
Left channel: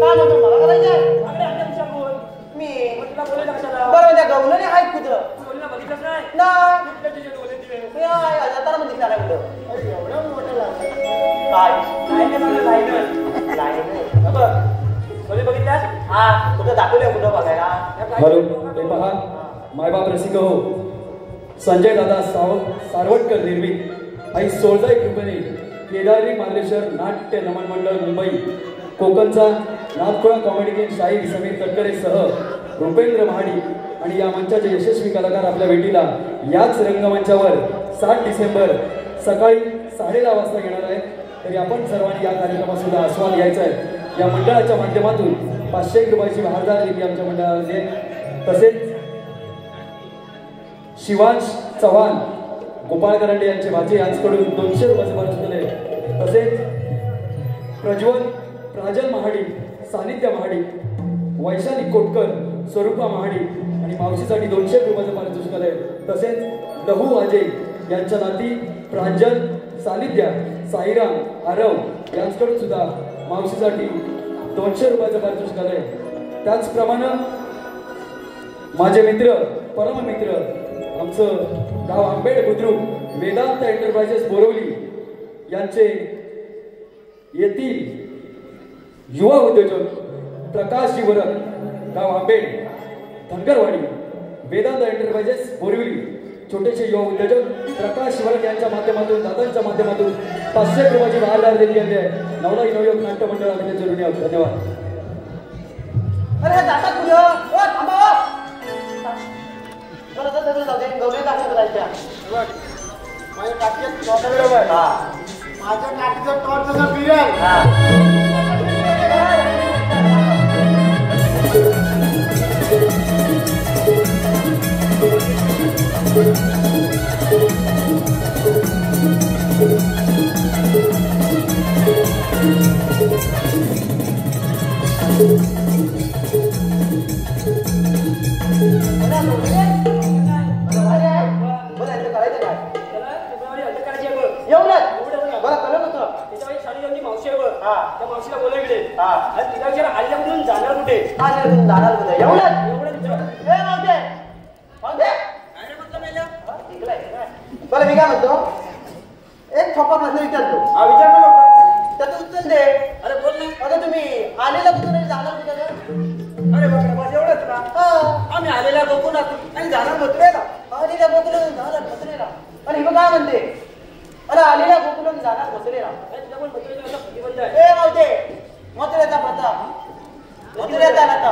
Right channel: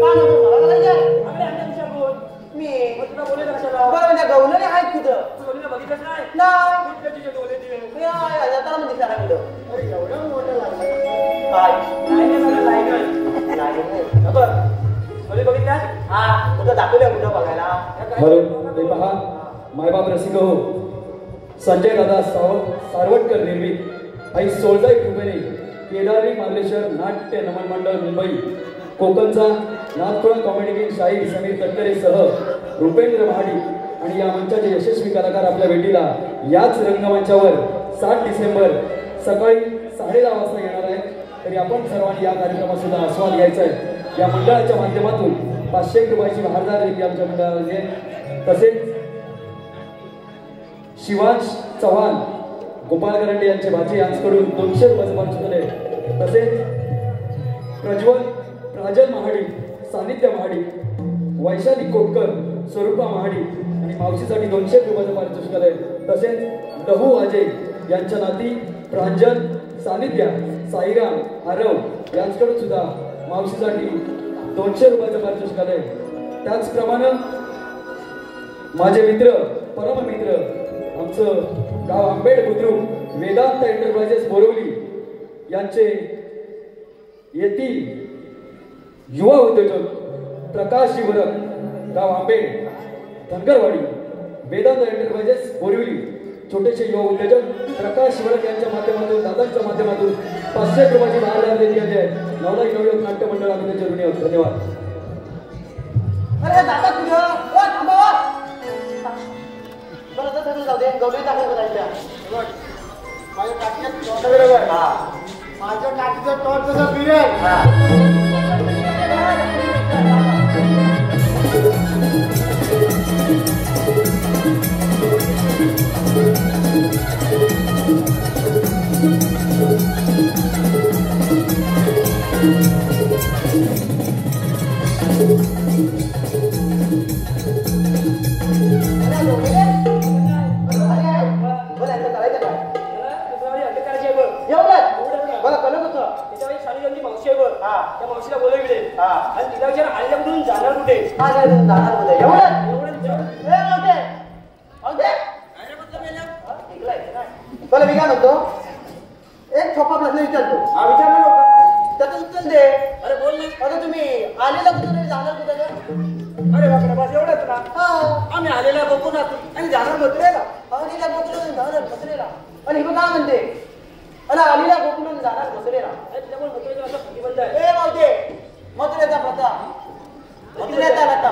काय म्हणतो मला करायचंय. आपल्या अंगात विचार बोल मी तुला बोलायला कशाला बरं म्हणजे गवलरी आहे खुद तू बोलला बघितलंच नाही नाही तुझे डोळे दिवे मी नाही आता मध्ये करा कुठं काय नाही मला लायगल बोले बघितल्या हा कुठं दाखवलंय कुठं बघायला. म्हणून हे पहा मायबाप रसिक हो संजय दादा सारवटकर निर्मित आई 16 रुपये केदारी मार्लेश्वर नाट्य नमन मंडळ मुंबई कोकणचा नाथपुरा कॉमेडी किंग शाहीर समीर तटकरेसह रुपेंद्र महाडी आणि या मंचाचे यशस्वी कलाकार आपल्या भेटीला याच रंगमंचावर 7 डिसेंबर सकाळी 10:30 वाजता येणार आहे. तरी आपण सर्वांनी या कार्यक्रमाचा आस्वाद घ्यायचा आहे. या मंडळाच्या माध्यमातून 500 रुपयाची महारदार देणगी आमच्या मंडळाने तसेच शिवांश चव्हाण गोपाळ करंडे यांचे भाचे यांच्याकडून 200 रुपयाचे बोनस मिळाले. तसेच प्रज्वल प्राजल महाडी सानिध्य महाडी वैशाली कोटकर स्वरूपा महाडी आणि मावशीसाठी 200 रुपयाचे पारितोषिक आले. तसेच दहू अजय यांच्या नाती प्रांजल सानिध्य साईराम आरव यांच्याकडून सुद्धा मावशीसाठी 200 रुपयाचे पारितोषिक आले. त्याचप्रमाणे माझे मित्र परममित्र आमचं गाव आंबेड बुद्रुक वेदांत एंटरप्राइजेस बोरवली यांचे येथील युवा उद्योजक प्रकाश जीवरक गाव आंबेड धनगरवाडी वेदांत एंटरप्राइजेस बोरवली छोटेसे युवा उद्योजक प्रकाश शिवरक यांच्या माध्यमातून दादांच्या माध्यमातून 500 रुपयाची महारदार देणगी आहे. नवलाई नवयोग नाट्य मंडळ अभिनेते ऋणी आहोत. धन्यवाद. अरे दादा तुझं थांबा मला तर त्याचं जाऊ दे गौरी दाखल करायच्या माझ्या टाकीत टॉट बरोबर माझ्या टाकीचं टॉट जसं फिरेल बरं मी काय म्हणतो एक छप्पा प्रश्न विचारतो. हा विचार ना लवकर. त्याचं उत्तर दे. अरे बोल ना. आता तुम्ही आलेला कुठं नाही जाणार कुठं का? अरे बापरे बस एवढंच ना. हा. आम्ही आलेला बघून आणि जाणार बसलेला आलेल्या गोकुळून जाणार बसलेला आणि हे काय म्हणते अरे आलेल्या गोकुळून जाणार बसलेला तुझ्या पण मथुरेचा असं प्रतिबंध आहे. ए नव्हते मथुरेचा प्रथा मथुरेचा प्रथा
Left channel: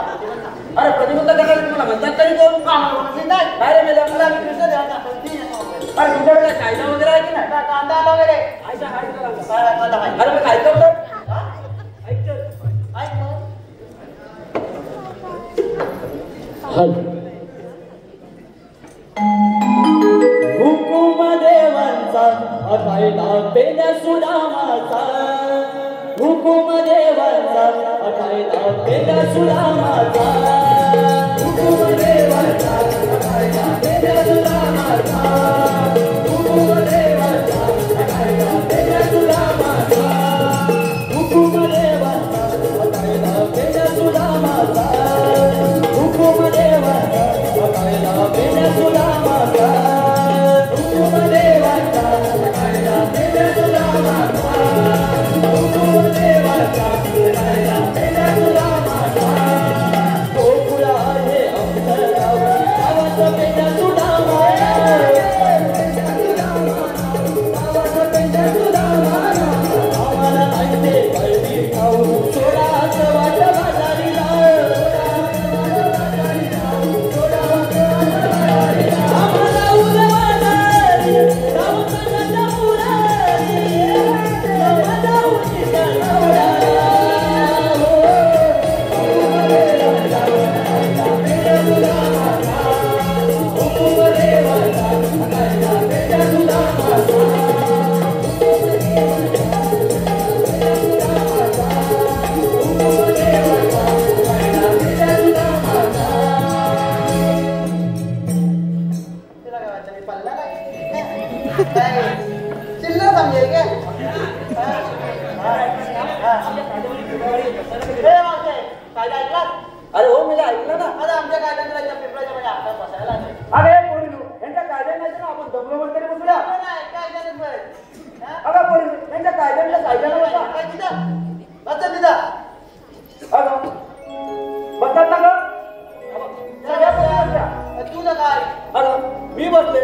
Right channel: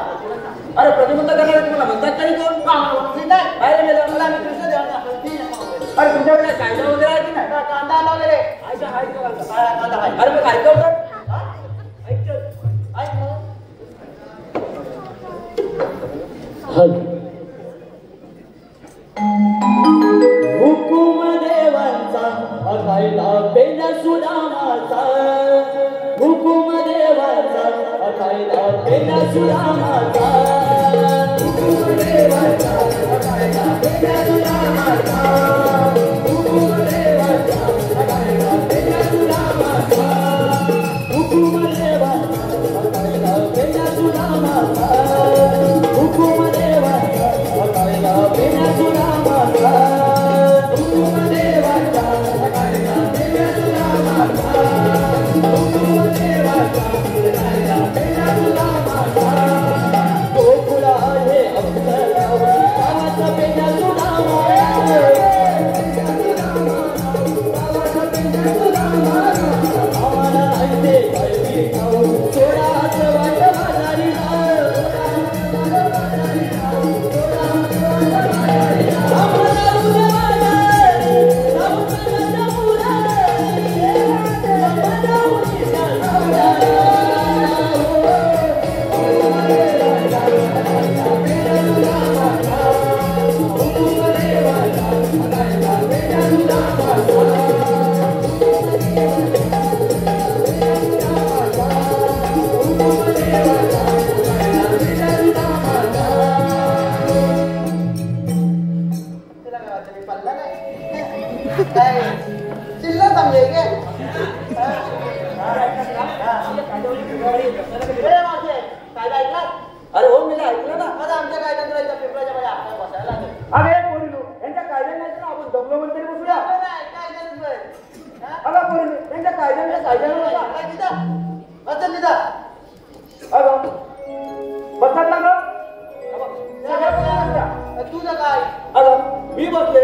अरे प्रतिबंध करणार तुम्हाला म्हणतात तरी कोण नाही काय रे मेला? तुला मी कृष्ण देवाचा हल्दी अरे तुमच्याकडे कायदा वगैरे आहे की ना कांदा वगैरे ऐक ना, ऐक ना. कांदा आहे. अरे मग ऐकतो तर? ऐकतो. ऐक ना. हुकुम देवांचा अठायला पेंडा सुदामाचा हुकुम देवांचा अठायला पेंडा सुदामाचा हुकुम देवांचा अठायला पेंडा सुदामाचा हुकुम देवांचा अठायला पेंडा सुदामाचा हुकुम देवांचा अठायला पेंडा सुदामाचा हुकुम देवांचा अठायला पेंडा सुदामाचा हुकुम देवांचा अठायला पेंडा सुदामाचा हुकुम देवांचा अठायला पेंडा सुदामाचा गोकुळा कायदा ऐकला? अरे हो मी ऐकलं ना. आता आमच्या कायद्यात पेपराच्या मध्ये आपल्याला बसायला लागेल. अरे यांच्या कायद्याने आपण दमलो वगैरे बसूया. त्यांच्या कायद्याने सायद्याने बसा निदा. अगं बसा ना ग. तू ना काय? अगं मी बसले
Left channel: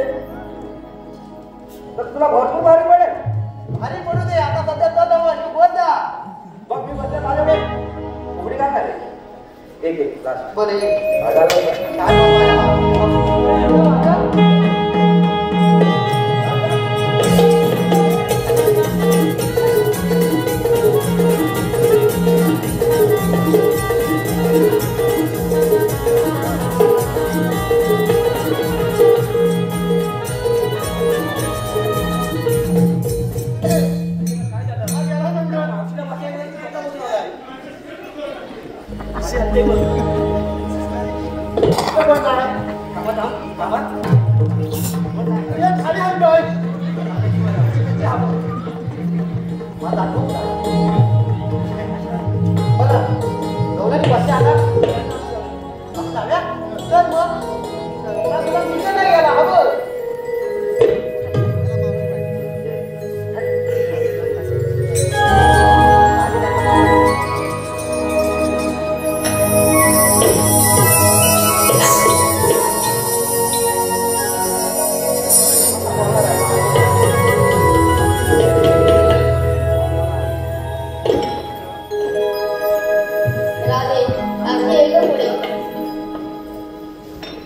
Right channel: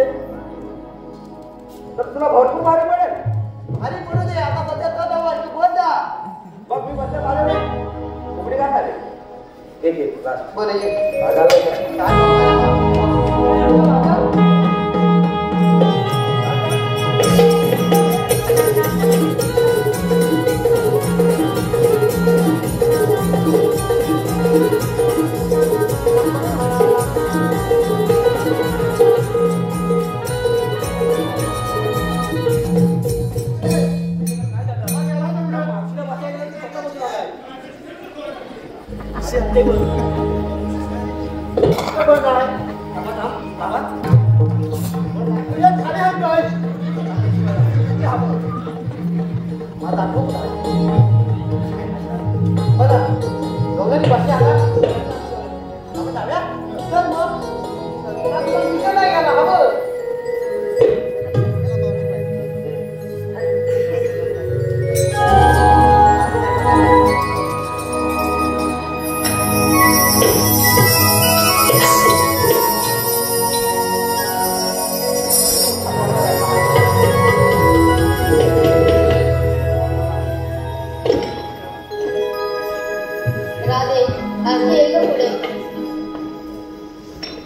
तर तुला भरपूर मारे मिळेल. अरे बोलू दे आता सध्या बोल द्या. मग मी सध्या पुढे काय झाले? एक बोल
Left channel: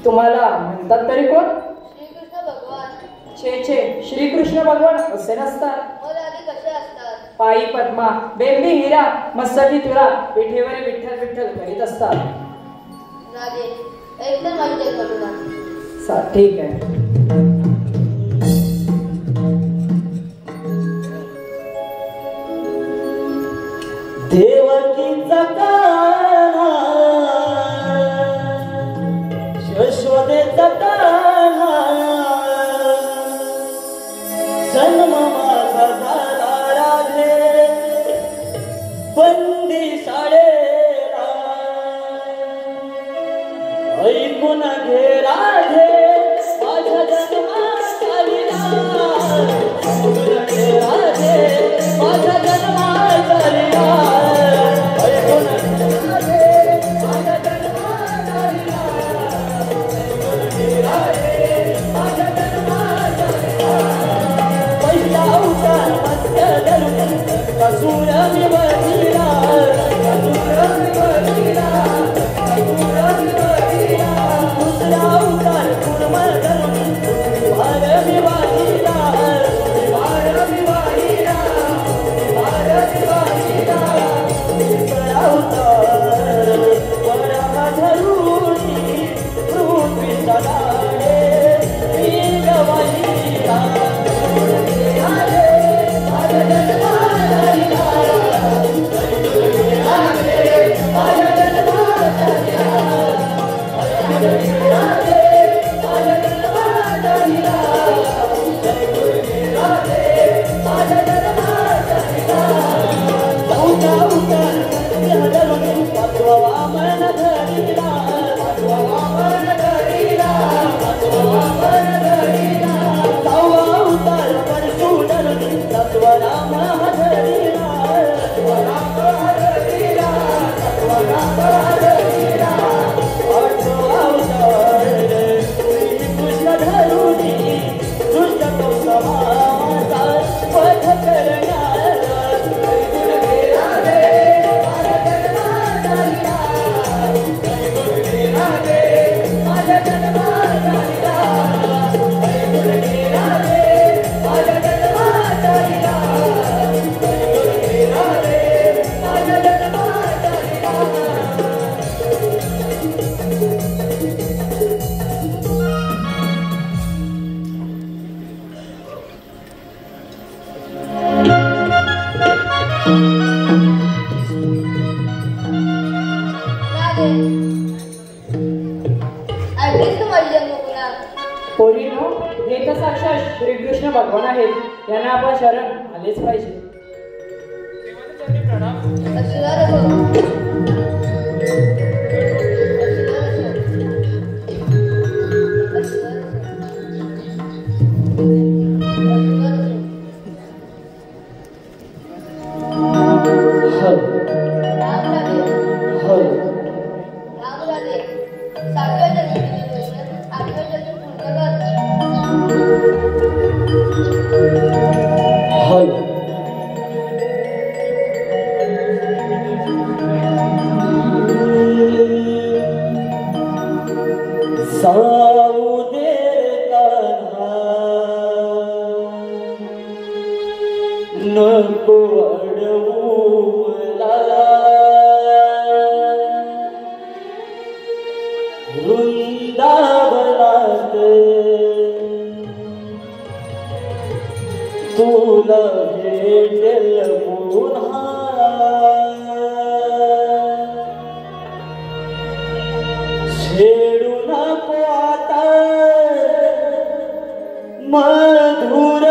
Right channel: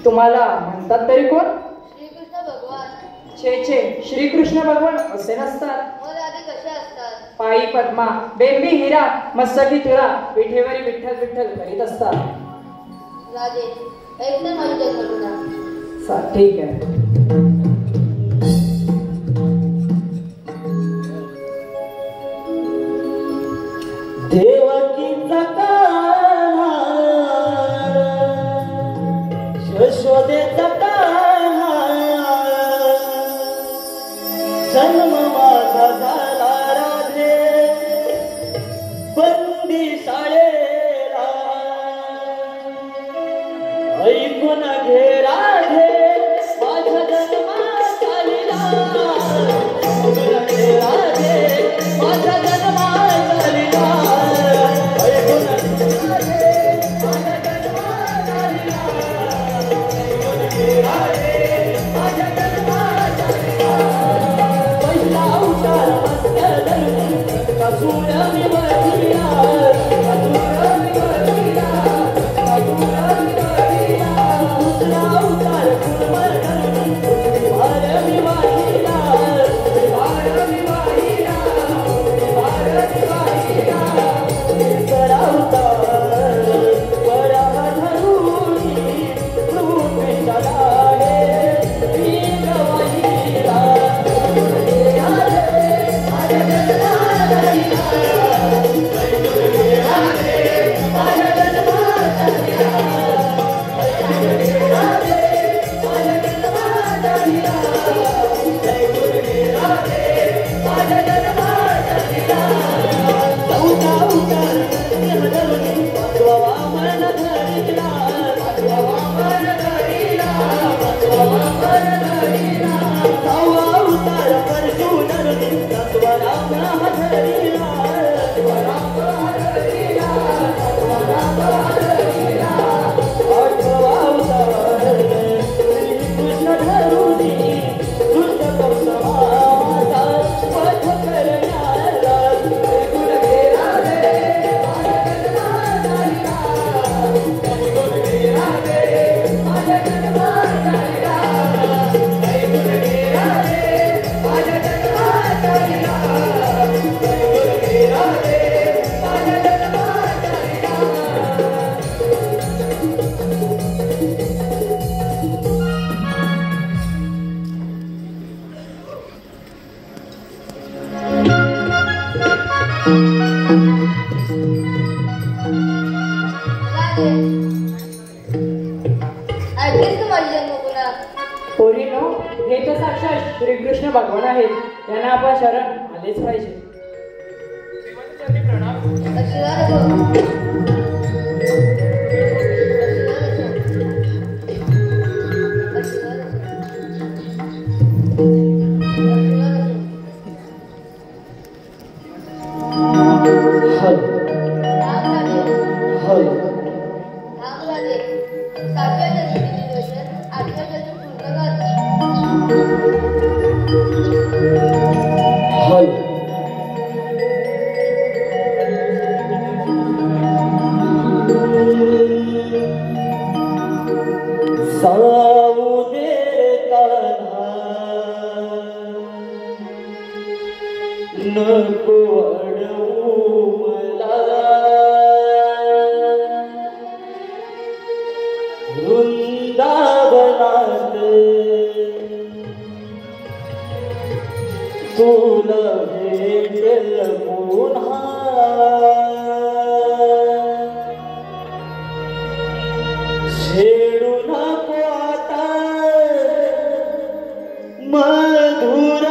तुम्हाला म्हणतात तरी कोण? श्रीकृष्ण भगवान. छे श्रीकृष्ण भगवान असे नसतात. कसे असतात? पायी पद्मा, बेंबी हिरा, मस्तकी तुरा, पिठेवर विठ्ठल विठ्ठल करीत असतात. राजे एकदम माहिती करू. ठीक आहे. देवकीचा कान्हा, यशोदेचा कान्हा, जन्म माझा झाला राधे बंदी शाळेला. ऐकून घे राधे माझ्या जन्मात आलेला. ऐकून घे राधे माझ्या जन्मात आलेला. ऐकून घे राधे माझ्या जन्मात आलेला. ऐकून घे राधे माझ्या जन्मात आलेला. पहिला अवतार मत्स्य दर्शन कसूर मी बघितला. कसूर मी बघितला. कसूर मी बघितला. दुसरा अवतार कुमार दर्शन विभाग मी बघितला. विभाग मी बघितला. विभाग मी बघितला. तिसरा अवतार वरा धरुणी रूप विसराले मी गवाहिला. पोरीनो, हे तर साक्षात श्रीकृष्ण भगवान आहेत. त्यांना आपण शरण आलेच पाहिजे. नको अडवू मला वृंदावनात तुला भेटेल पुन्हा छेडू नको आता मधुर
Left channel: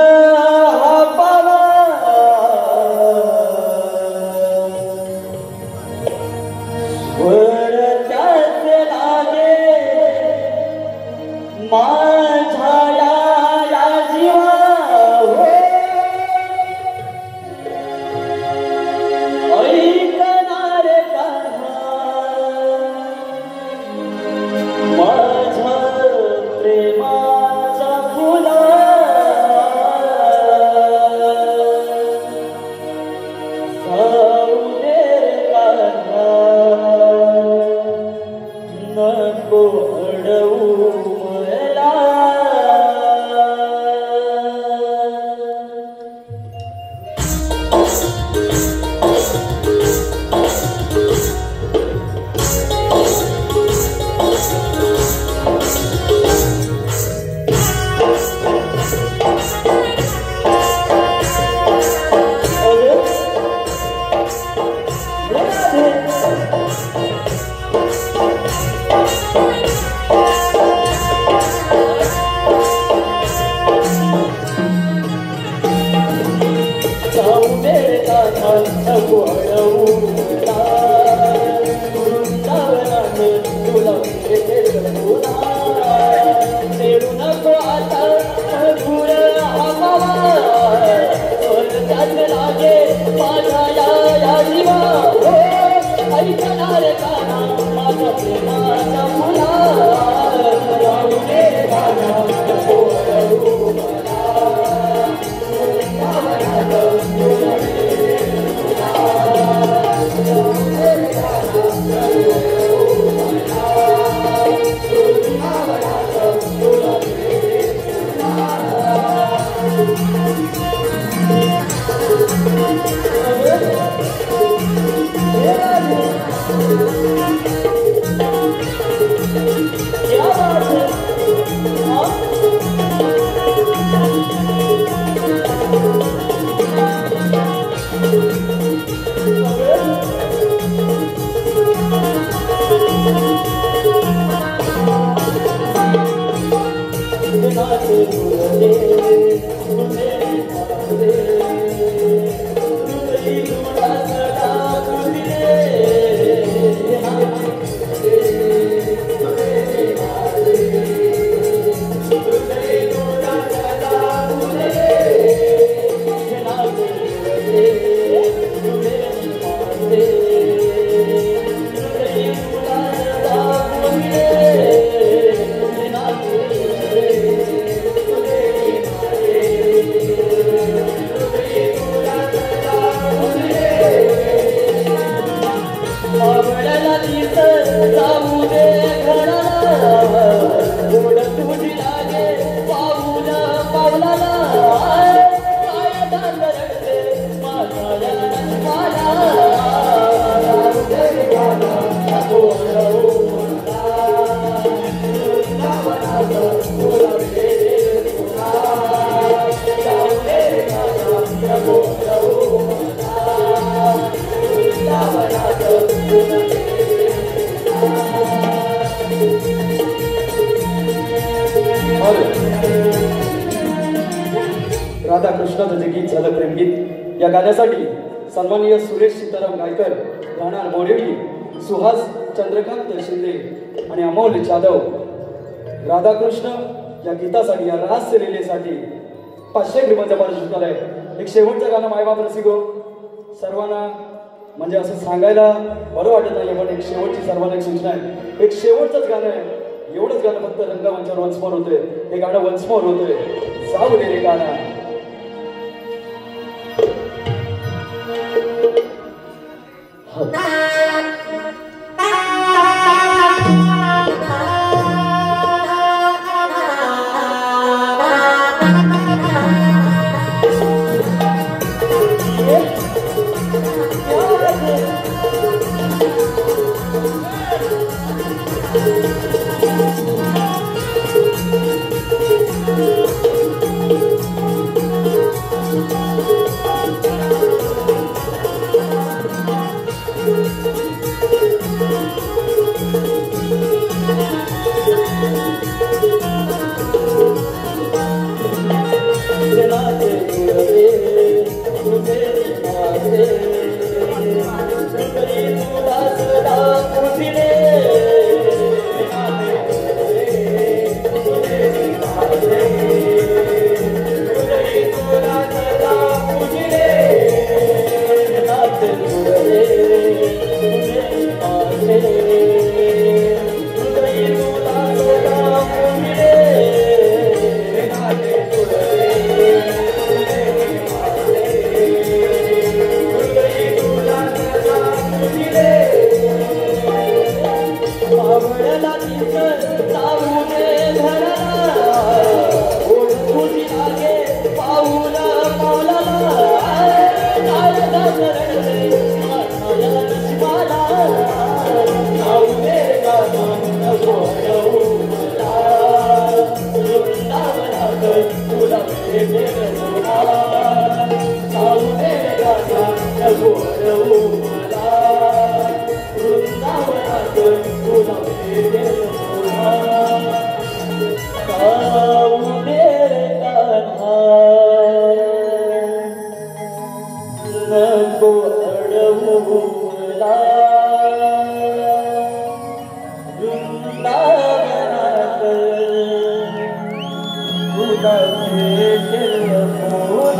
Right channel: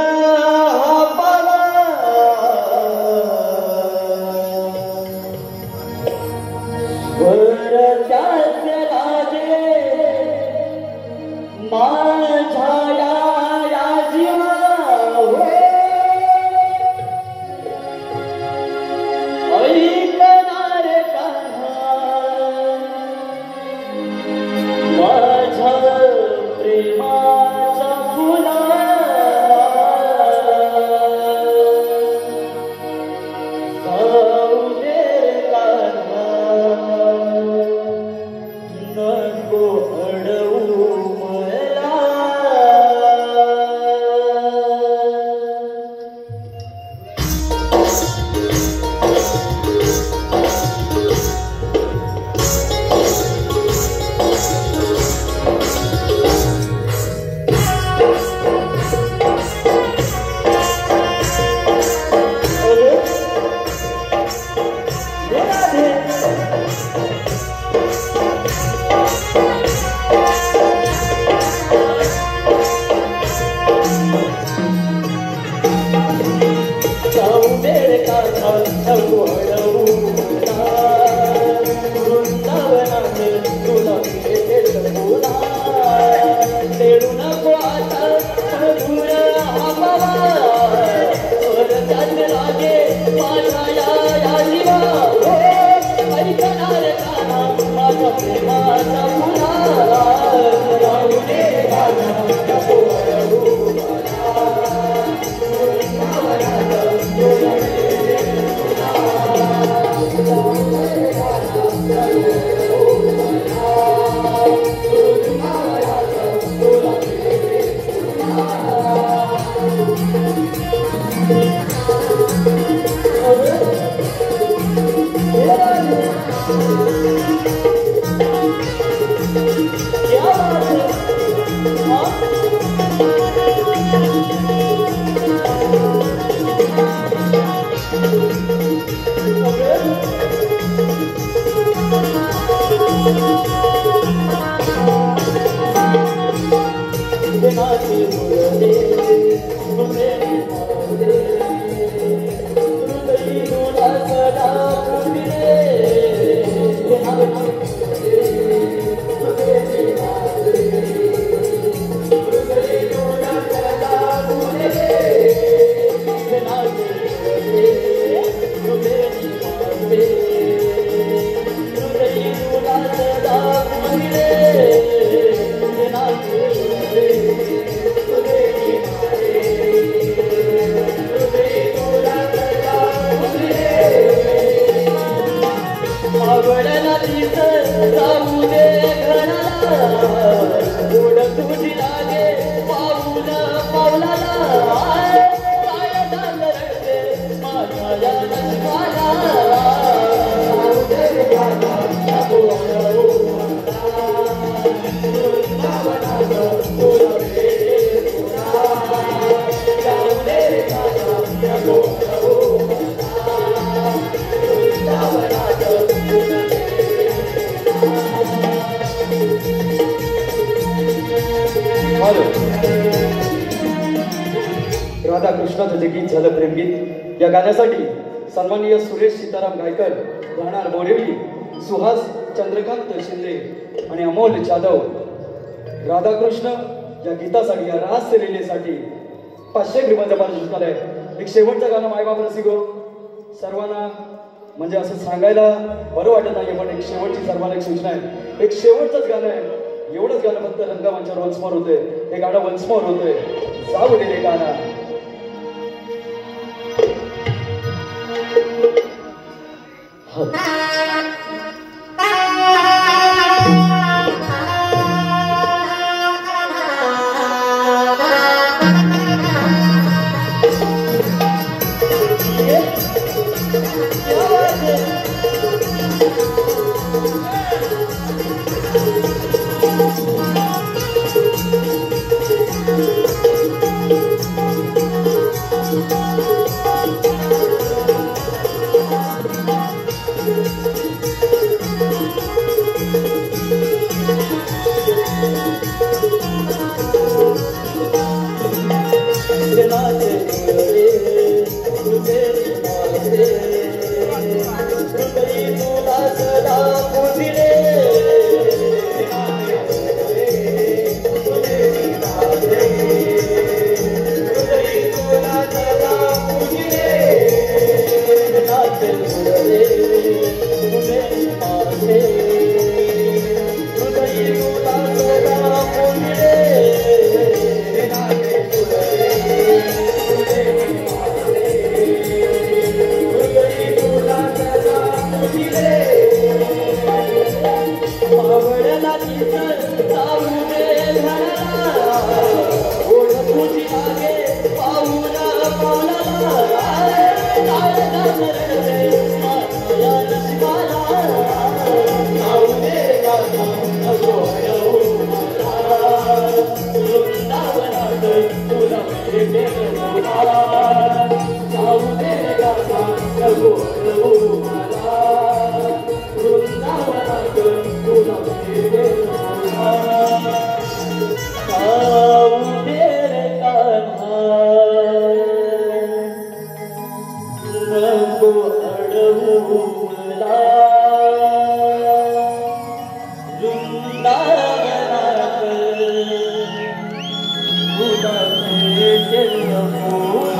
राधाकृष्णाचं जे गीत झालं प्रेमगीत, या गाण्यासाठी सन्माननीय सुरेश सीताराम गायकर, राहणार बोरिवली, सुहास चंद्रकांत शिंदे आणि अमोल जाधव, राधाकृष्ण या गीतासाठी, या रहस्य रिलेसाठी 500 रुपयांचा पारितोषिक आहे. एक शेवटचं गाणं मायबाप रसिको सर्वांना म्हणजे असं सांगायला बरं वाटत नाही, पण एक शेवटची सर्वांना एक सूचना आहे. एक शेवटचंच गाणं आहे, एवढंच गाणं फक्त रंगमंचावर वंसमोर होतंय. हे गाणं वंसमोर होतंय, जाऊ दे रे गाणं. Thank you.